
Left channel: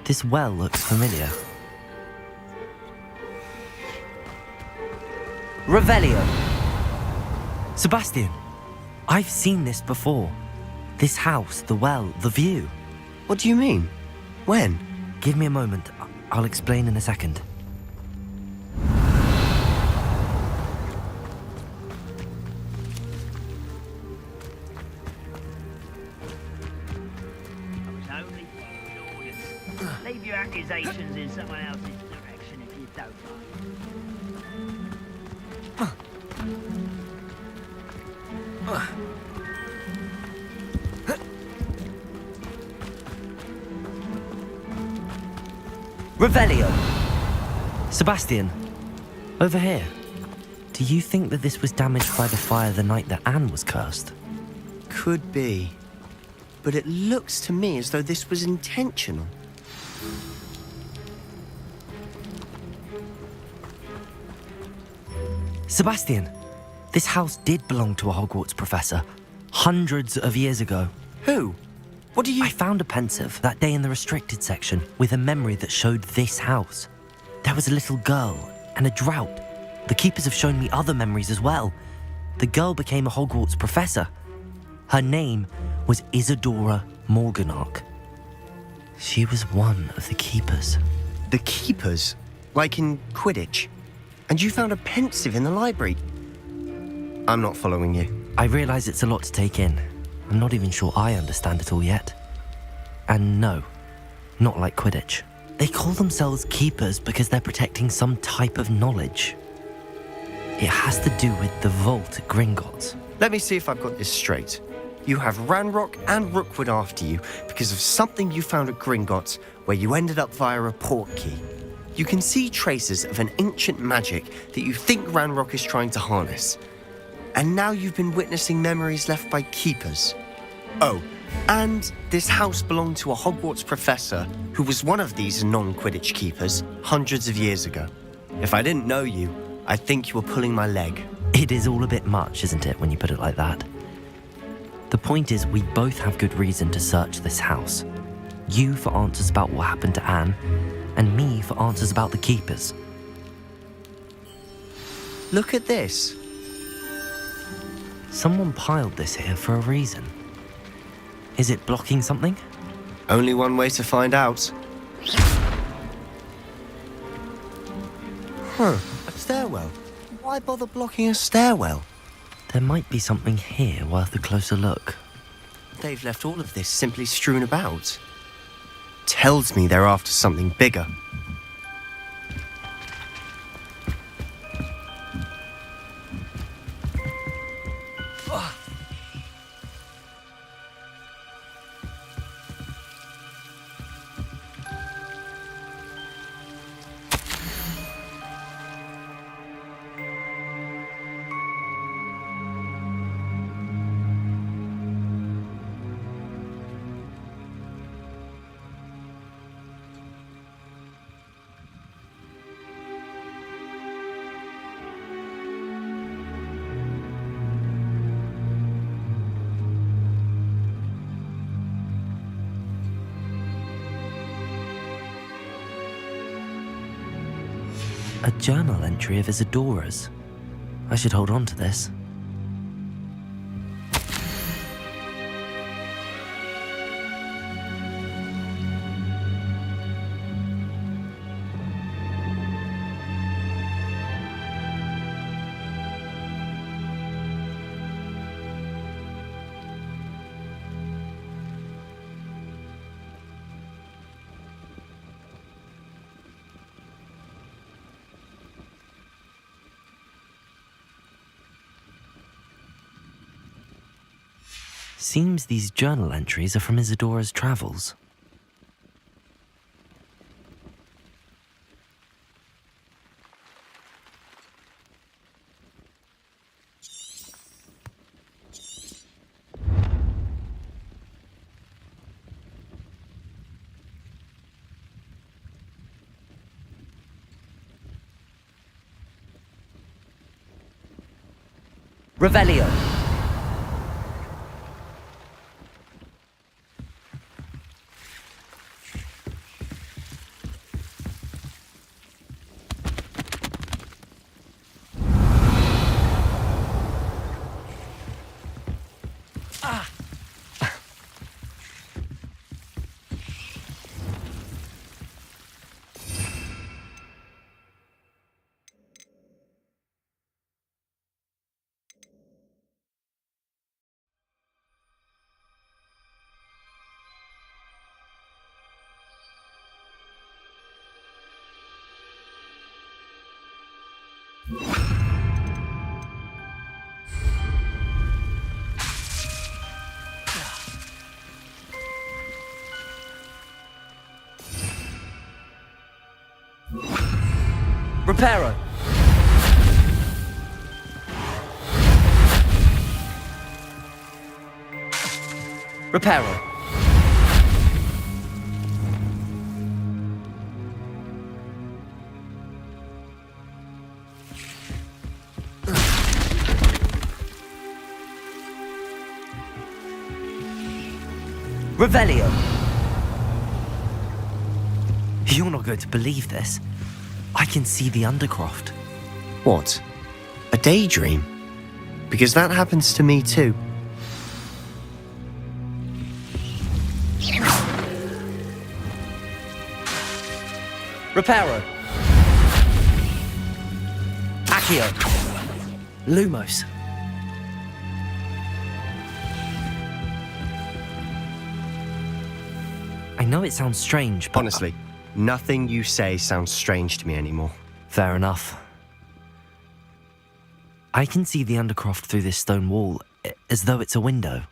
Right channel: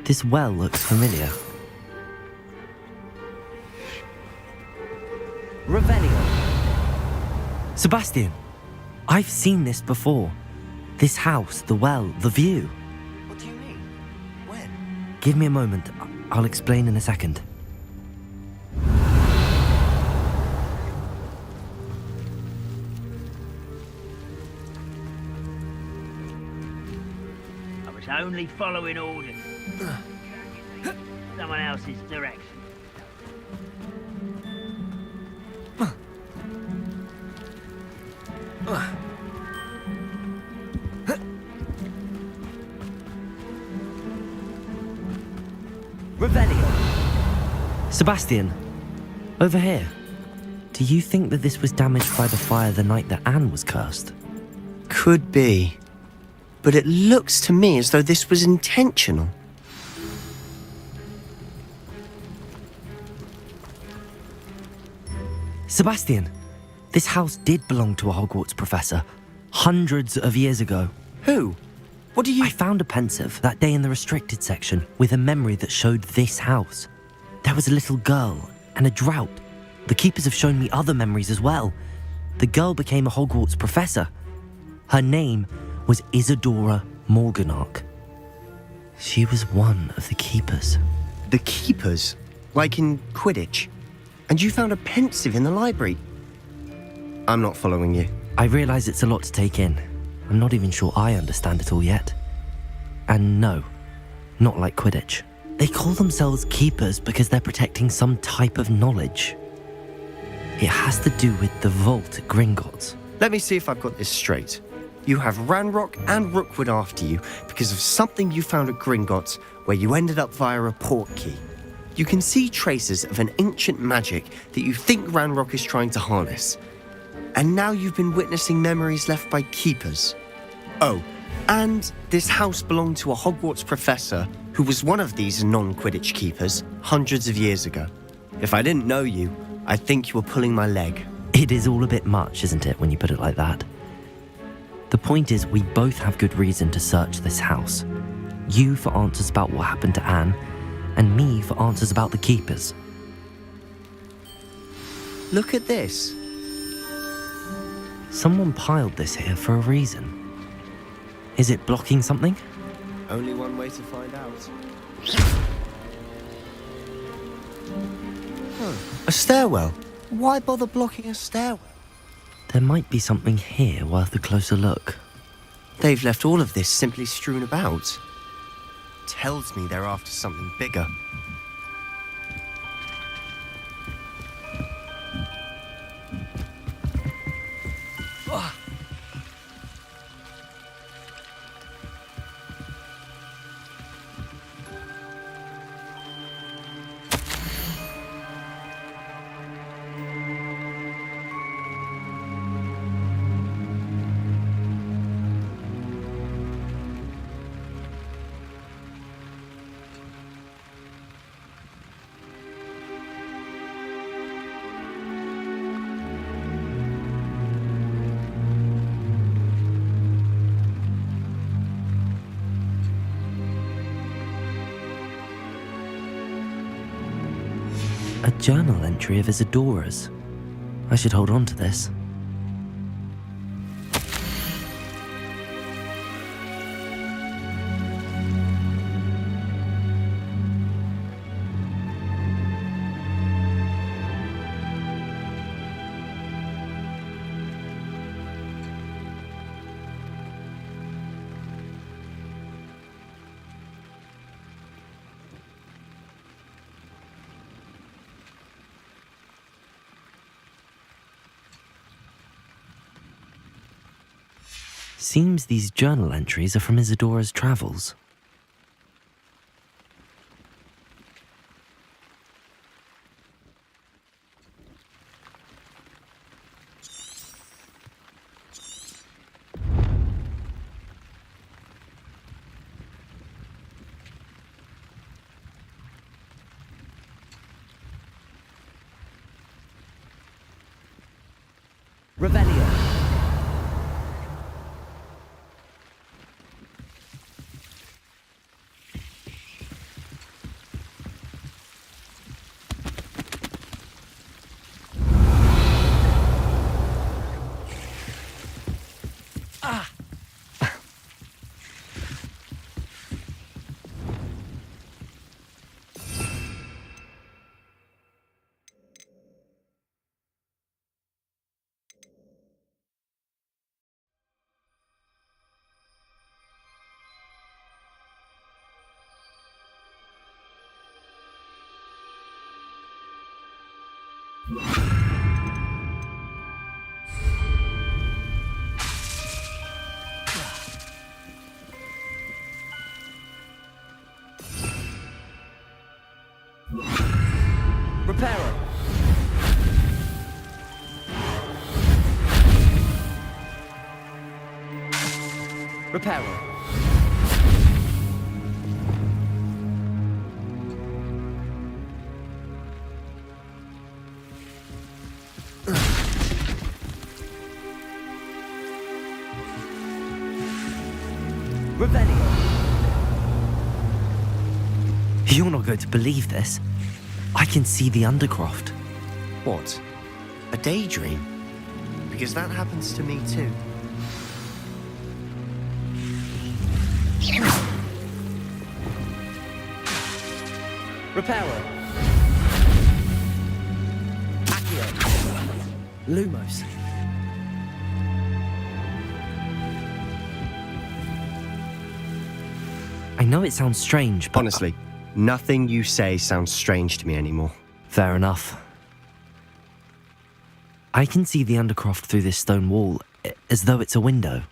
This well looks familiar. Revelio. Sebastian, I've seen this before. This house, the well, the view. What do you mean? When? Give me a moment. I'll explain in a second. following orders. Leave your accusations in someone else's direction if you don't. Revelio! Sebastian, over here. Do you think that this was damaged by the fire the night that Anne was cursed? Could be. But it looks to me as though this was intentional. Sebastian, this house did belong to a Hogwarts professor, hundreds of years ago. Who? What do you... I found a pensive that day in the restricted section with a memory that showed this house. There was a little girl and a drought. The keepers have shown me other memories as well. The girl became a Hogwarts professor. Her name was Isadora Morganach. She was one of the keepers. The keepers? Like in Quidditch? And you found a pensive in the library? I'm not following you. I realise it's a lot to take in. I'm not even sure I understand it all yet. And no, not like Quidditch. They call themselves keepers because they're protecting some type of knowledge. It has to do with the vault at Gringotts. Let me see if I've got this straight. You have Ranrock and Rookwood after you because of something you found at Gringotts where you ended up via a portkey. You can see traces of an ancient magic that you think Ranrock is trying to harness. And now you've been witnessing memories left by keepers. Oh, and this house belonged to a Hogwarts professor who was one of these non-Quidditch keepers hundreds of years ago. If I didn't know you, I'd think you were pulling my leg. It is all a bit much, isn't it, when you put it like that? The point is, we both have good reason to search this house. You for answers about what happened to Anne, and me for answers about the keepers. Look at this. Someone piled this here for a reason. Is it blocking something? Only one way to find out. A stairwell. Why bother blocking a stairwell? There might be something here worth a closer look. They've left all of this simply strewn about. Tells me they're after something bigger. A journal entry of Isadora's. I should hold on to this. Seems these journal entries are from Isadora's travels. Revelio. Reparo! Reparo! Revelio! You're not going to believe this. I can see the Undercroft. What? A daydream? Because that happens to me too. Reparo! Accio! Lumos! I know it sounds strange, but... Honestly, nothing you say sounds strange to me anymore. Fair enough. I can see the Undercroft through this stone wall, as though it's a window.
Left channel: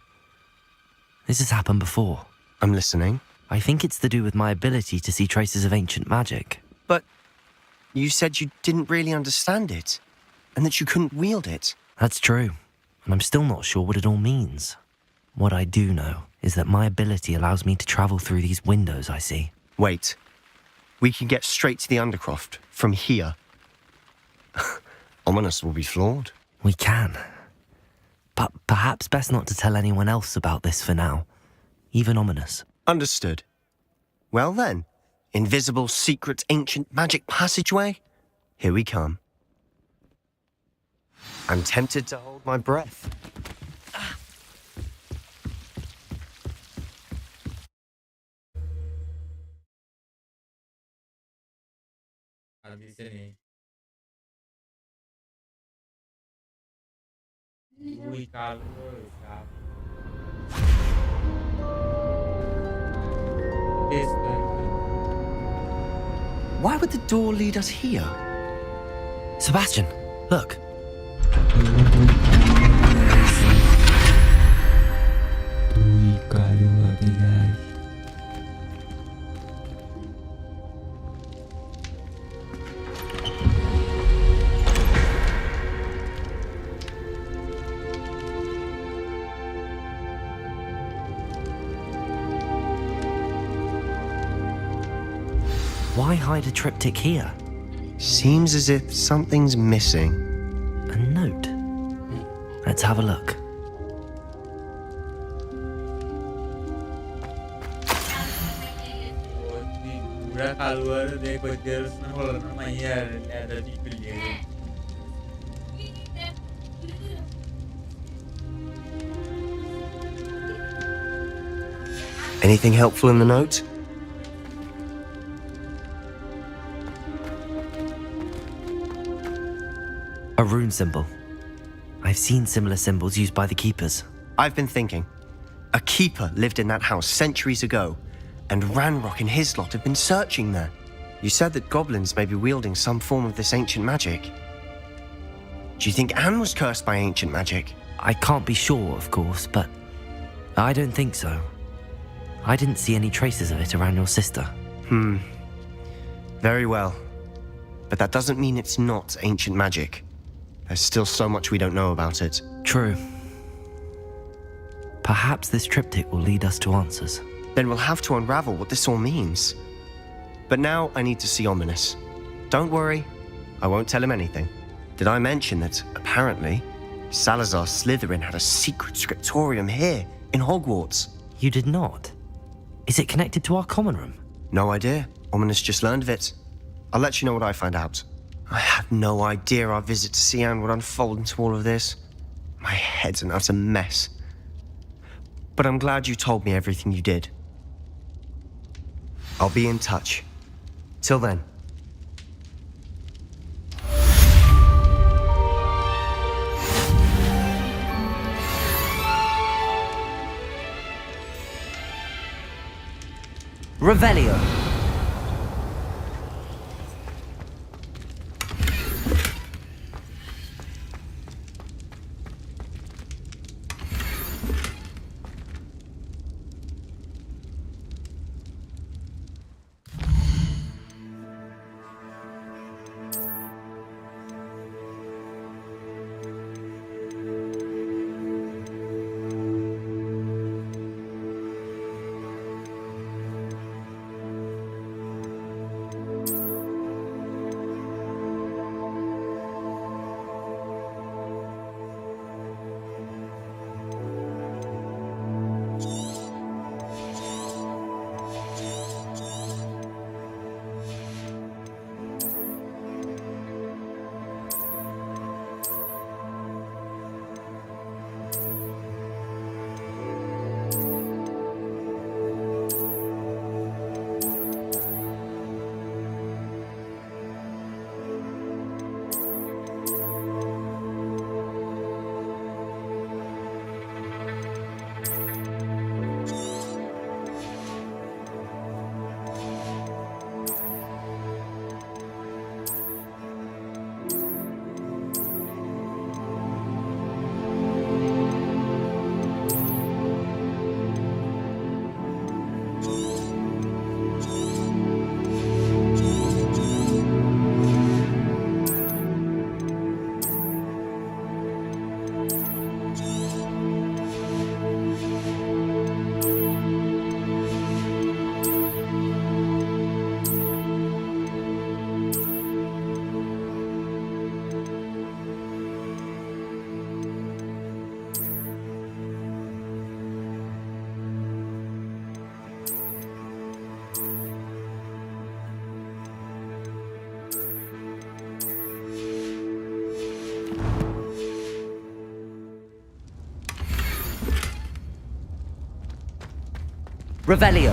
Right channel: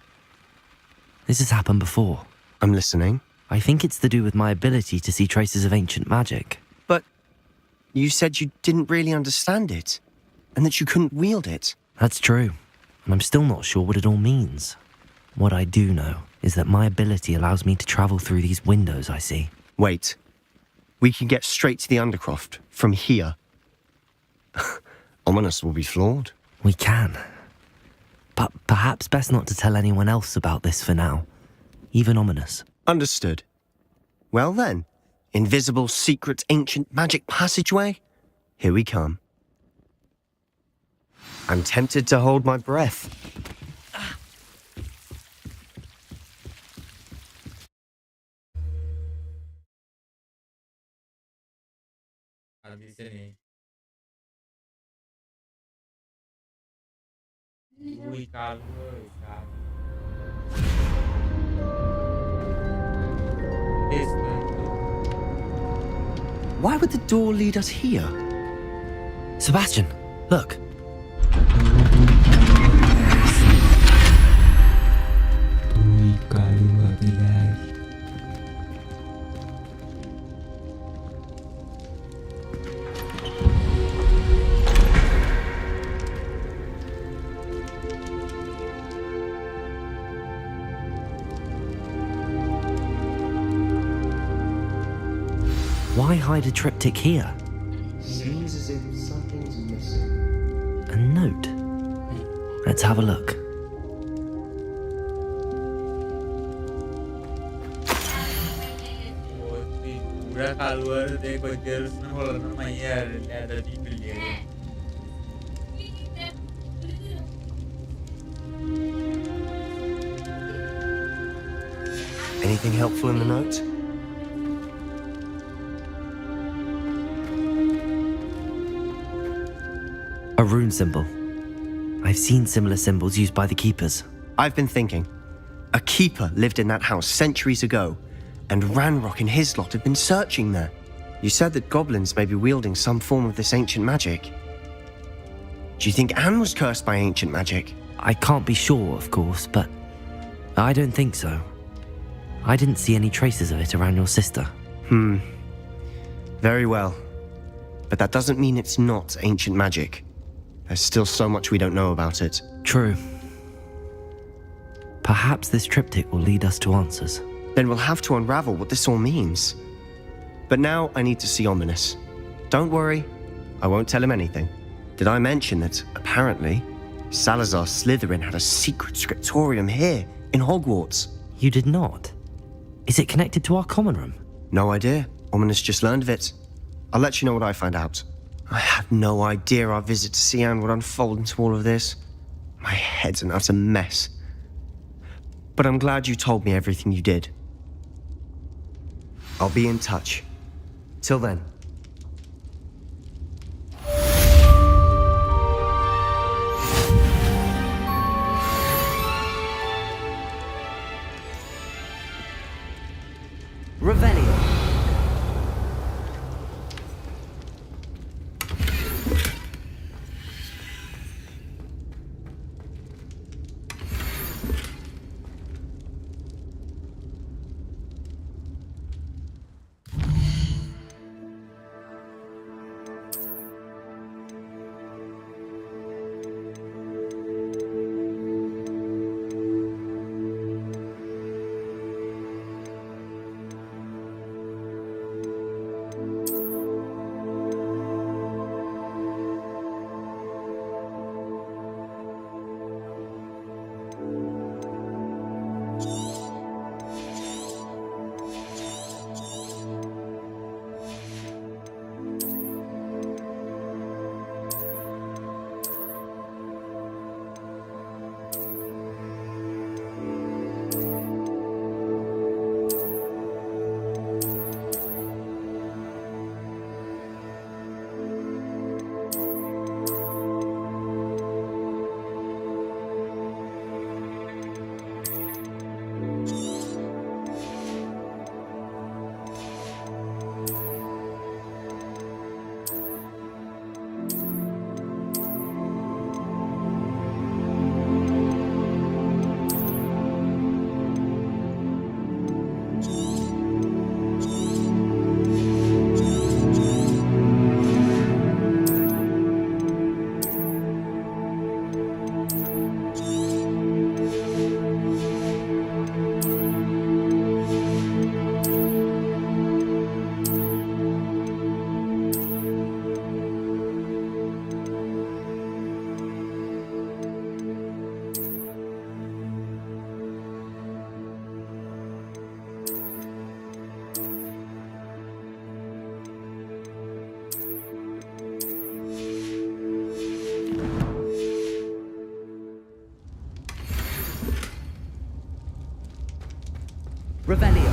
This has happened before. I'm listening. I think it's to do with my ability to see traces of ancient magic. But you said you didn't really understand it, and that you couldn't wield it. That's true, and I'm still not sure what it all means. What I do know is that my ability allows me to travel through these windows I see. Wait. We can get straight to the Undercroft from here. Ominous will be floored. We can. But perhaps best not to tell anyone else about this for now. Even Ominous. Understood. Well then, invisible, secret, ancient magic passageway? Here we come. I'm tempted to hold my breath. Di sini. Ui, kalau Why would the door lead us here? Sebastian, look. Why hide a triptych here? Seems as if something's missing. A note. Let's have a look. Anything helpful in the note? A rune symbol. I've seen similar symbols used by the keepers. I've been thinking. A keeper lived in that house centuries ago, and Ranrock and his lot have been searching there. You said that goblins may be wielding some form of this ancient magic. Do you think Anne was cursed by ancient magic? I can't be sure, of course, but I don't think so. I didn't see any traces of it around your sister. Very well. But that doesn't mean it's not ancient magic. There's still so much we don't know about it. True. Perhaps this triptych will lead us to answers. Then we'll have to unravel what this all means. But now I need to see Ominous. Don't worry, I won't tell him anything. Did I mention that, apparently, Salazar Slytherin had a secret scriptorium here in Hogwarts? You did not? Is it connected to our common room? No idea. Ominous just learned of it. I'll let you know what I find out. I had no idea our visit to Cian would unfold into all of this. My head's an utter mess. But I'm glad you told me everything you did. I'll be in touch. Till then. Revelio. Revelio.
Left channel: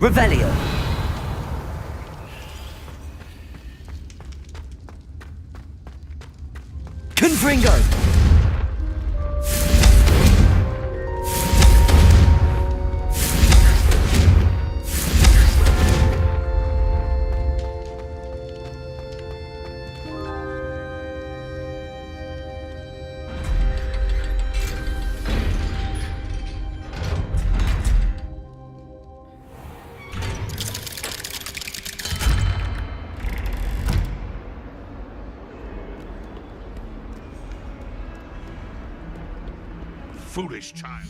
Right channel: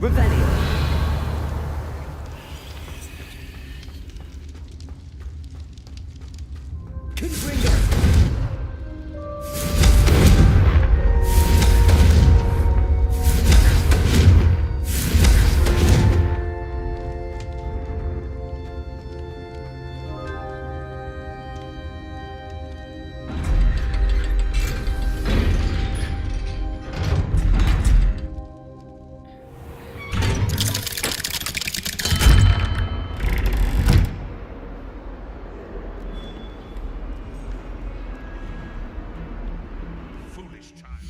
Revelio. Confringo. Foolish child.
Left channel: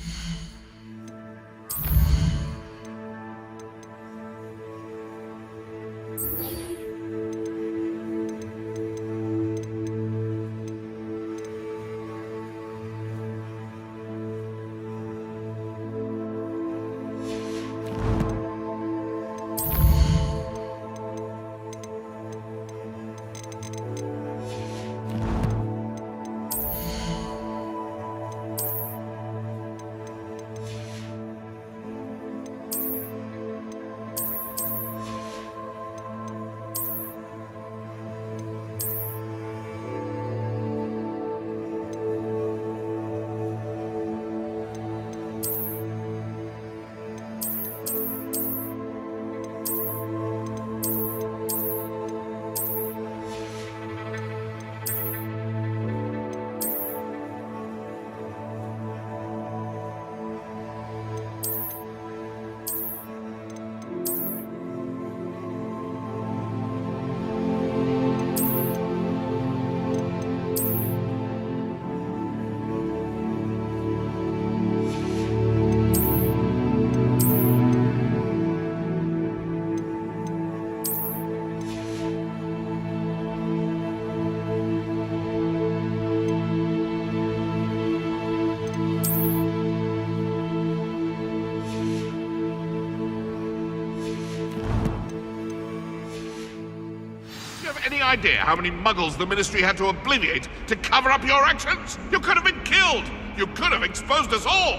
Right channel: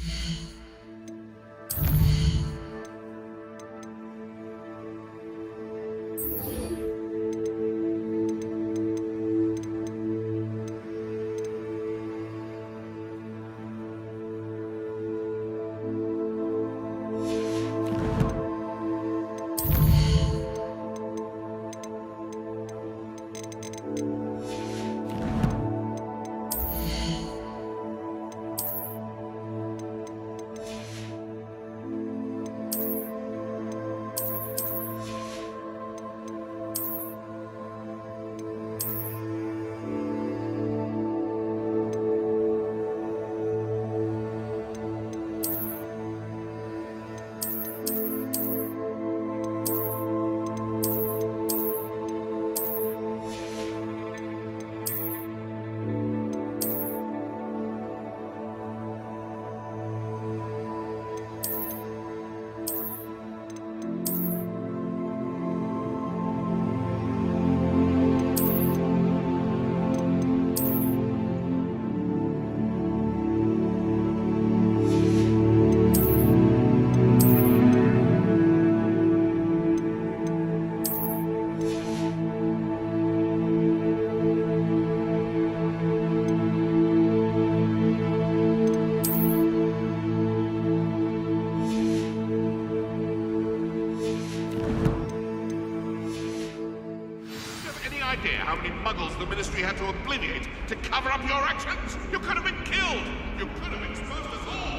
Any idea how many muggles the Ministry had to obliterate to cover up your actions? You could have been killed! You could have exposed us all!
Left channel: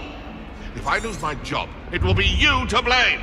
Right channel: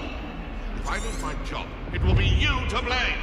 If I lose my job, it will be you to blame!